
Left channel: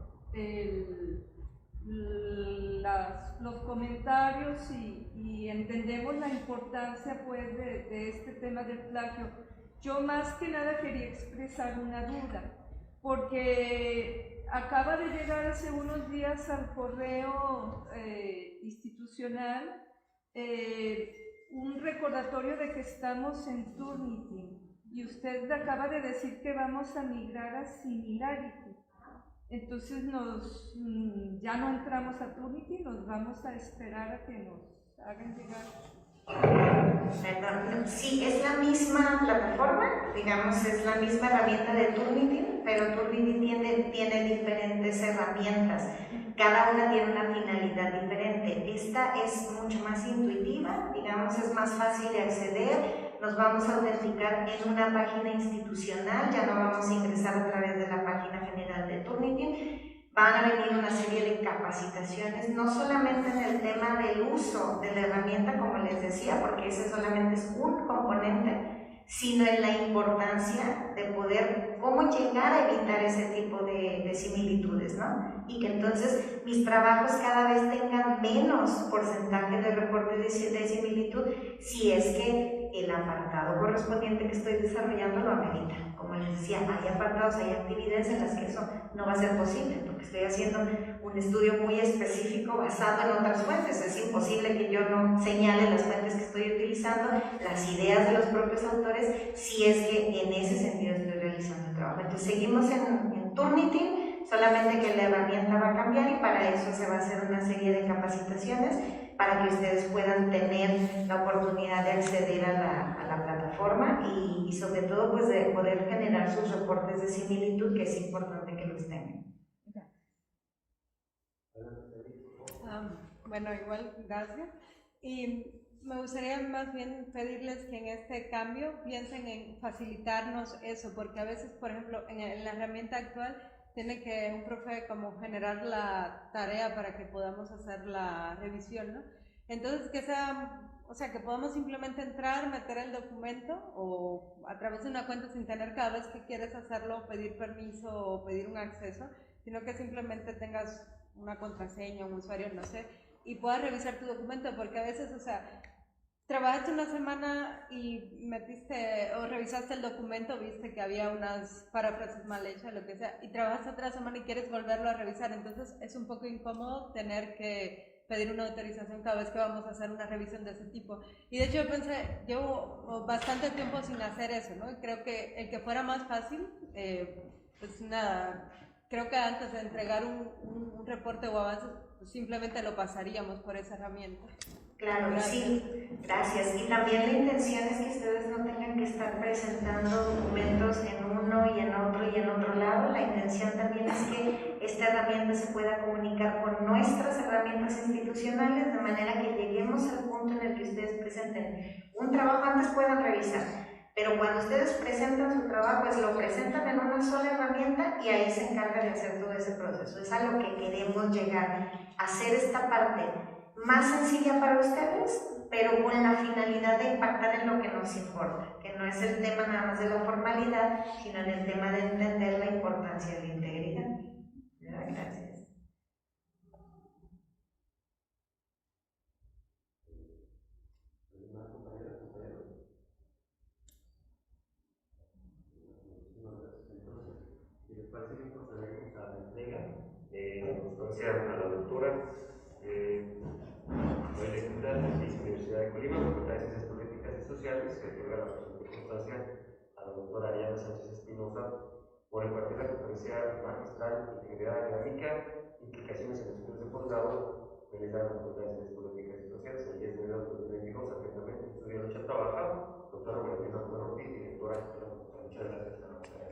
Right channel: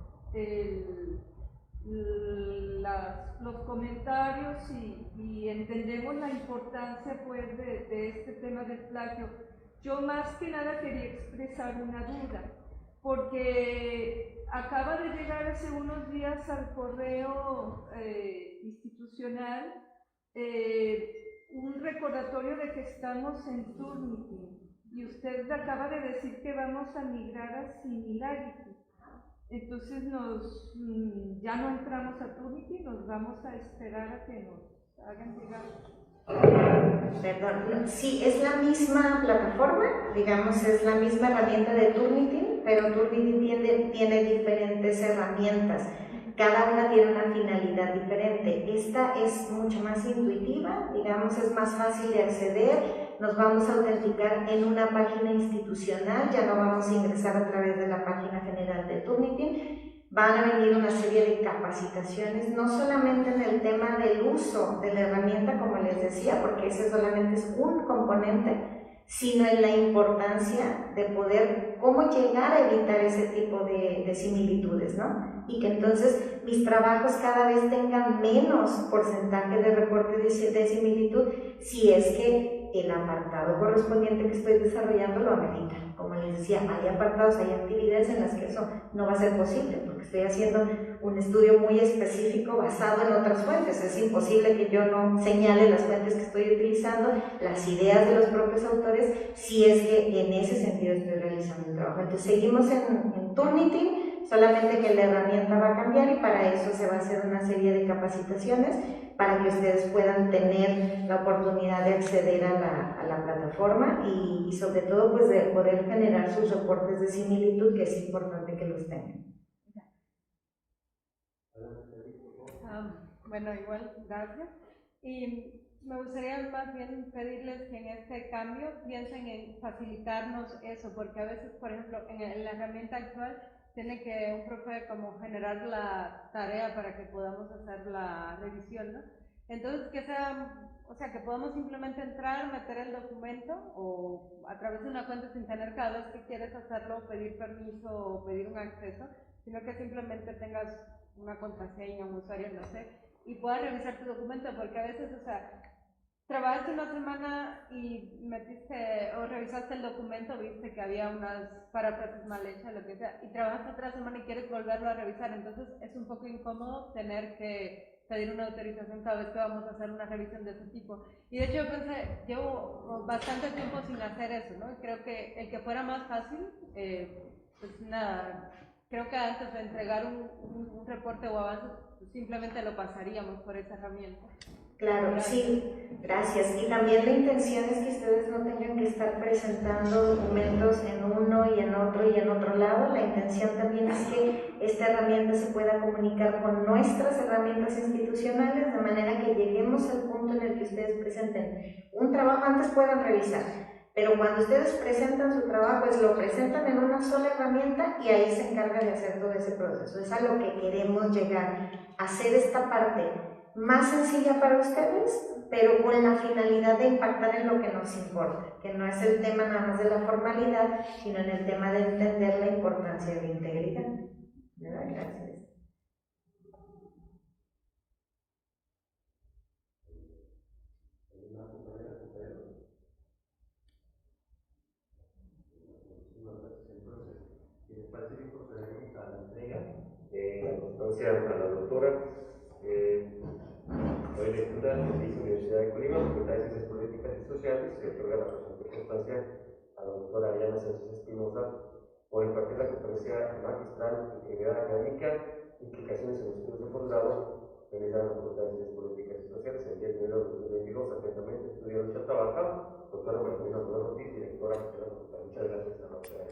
los comentarios y entendemos la importancia pues de este tema del plagio. Yo más que nada quería expresar una duda, porque acaba de llegar hace unos días al correo institucional un recordatorio de que estamos en Turnitin y usted acaba de decir que vamos a migrar a Similarity. Entonces ya no entramos a Turnitin, nos vamos a esperar a que nos hagan llegar. Perdón, sí, es la misma plataforma, digamos, es la misma herramienta de Turnitin, pero Turnitin tiene diferentes herramientas. Cada una tiene una finalidad diferente. Esta es mucho más intuitiva, digamos, es más fácil de acceder, nos vamos a autenticar en una página institucional, ya no vamos a ingresar a través de la página general de Turnitin. Van a venir una serie de capacitaciones, no solamente en el tema del uso de la herramienta, como les decía, porque ese solamente es un componente, sino en la importancia de poder, cómo llegar a evitar ese tipo de similitudes, ¿no? Y que entonces mis trabajos cada vez tengan menos porcentaje de reporte de similitud, si es que el apartado correspondiente que estoy desarrollando lo amerita. Como les decía, hay apartados, hay actividades en las que eso no va a ser posible, porque estoy haciendo un estudio muy específico basado en otras fuentes. Es imposible que yo no señale las fuentes que estoy utilizando, las ideas de los propios autores, si es que en ese sentido estoy realizando el trabajo. Entonces seguimos en Turnitin, solamente que la herramienta va a cambiar y para eso se va a hacer una serie de capacitaciones para que ustedes puedan tener la oportunidad de acceder a la plataforma y sobre todo pues de poder generar sus reportes de similitud, que es importante que los tengan. Bueno, igual, gracias. Y me gustaría más bien pedirles que en este cambio piensen en facilitarnos eso, porque a veces, por ejemplo, en la herramienta actual tiene que un profe como generar la tarea para que podamos hacer la revisión, ¿no? Entonces, que sea, o sea, que podamos simplemente entrar, meter el documento o a través de una cuenta sin tener cada vez que quieres hacerlo, pedir permiso o pedir un acceso, sino que simplemente tengas una contraseña, un usuario, no sé, y puedas revisar tu documento, porque a veces, o sea, trabajaste una semana y metiste o revisaste el documento, viste que había unas paráfrasis mal hechas, lo que sea, y trabajaste otra semana y quieres volverlo a revisar, entonces es un poco incómodo tener que pedir una autorización cada vez que vamos a hacer una revisión de ese tipo. Y de hecho yo pensé, llevo bastante tiempo sin hacer eso, ¿no? Creo que el que fuera más fácil, pues nada, creo que antes de entregar un reporte o avance, pues simplemente lo pasaríamos por esa herramienta. Claro, sí, gracias. Y también la intención es que ustedes no tengan que estar presentando documentos en uno y en otro lado. La intención también es que esta herramienta se pueda comunicar con nuestras herramientas institucionales, de manera que lleguemos al punto en el que ustedes presenten un trabajo, antes puedan revisar, pero cuando ustedes presentan su trabajo, pues lo presentan en una sola herramienta y ahí se encarga de hacer todo ese proceso. Es a lo que queremos llegar, hacer esta parte más sencilla para ustedes, pero con la finalidad de impactar en lo que nos importa, que no es el tema nada más de la formalidad, sino en el tema de entender la importancia de la integridad. ¿Verdad? Gracias. Si les parece bien, procederemos a la entrega de la constancia a la doctora Doy lectura de la Universidad de Colima, Facultad de Ciencias Políticas y Sociales. Se otorga la presente constancia a la doctora Ariana Sánchez Espinosa por impartir la conferencia magistral Integridad Académica, Implicaciones en los estudios de posgrado, realizada en la Facultad de Ciencias Políticas y Sociales el 10 de enero de 2022. Atentamente, Estudia Lucha Trabaja, doctora María Luisa Ortiz, directora de la Facultad. Muchas gracias a la doctora.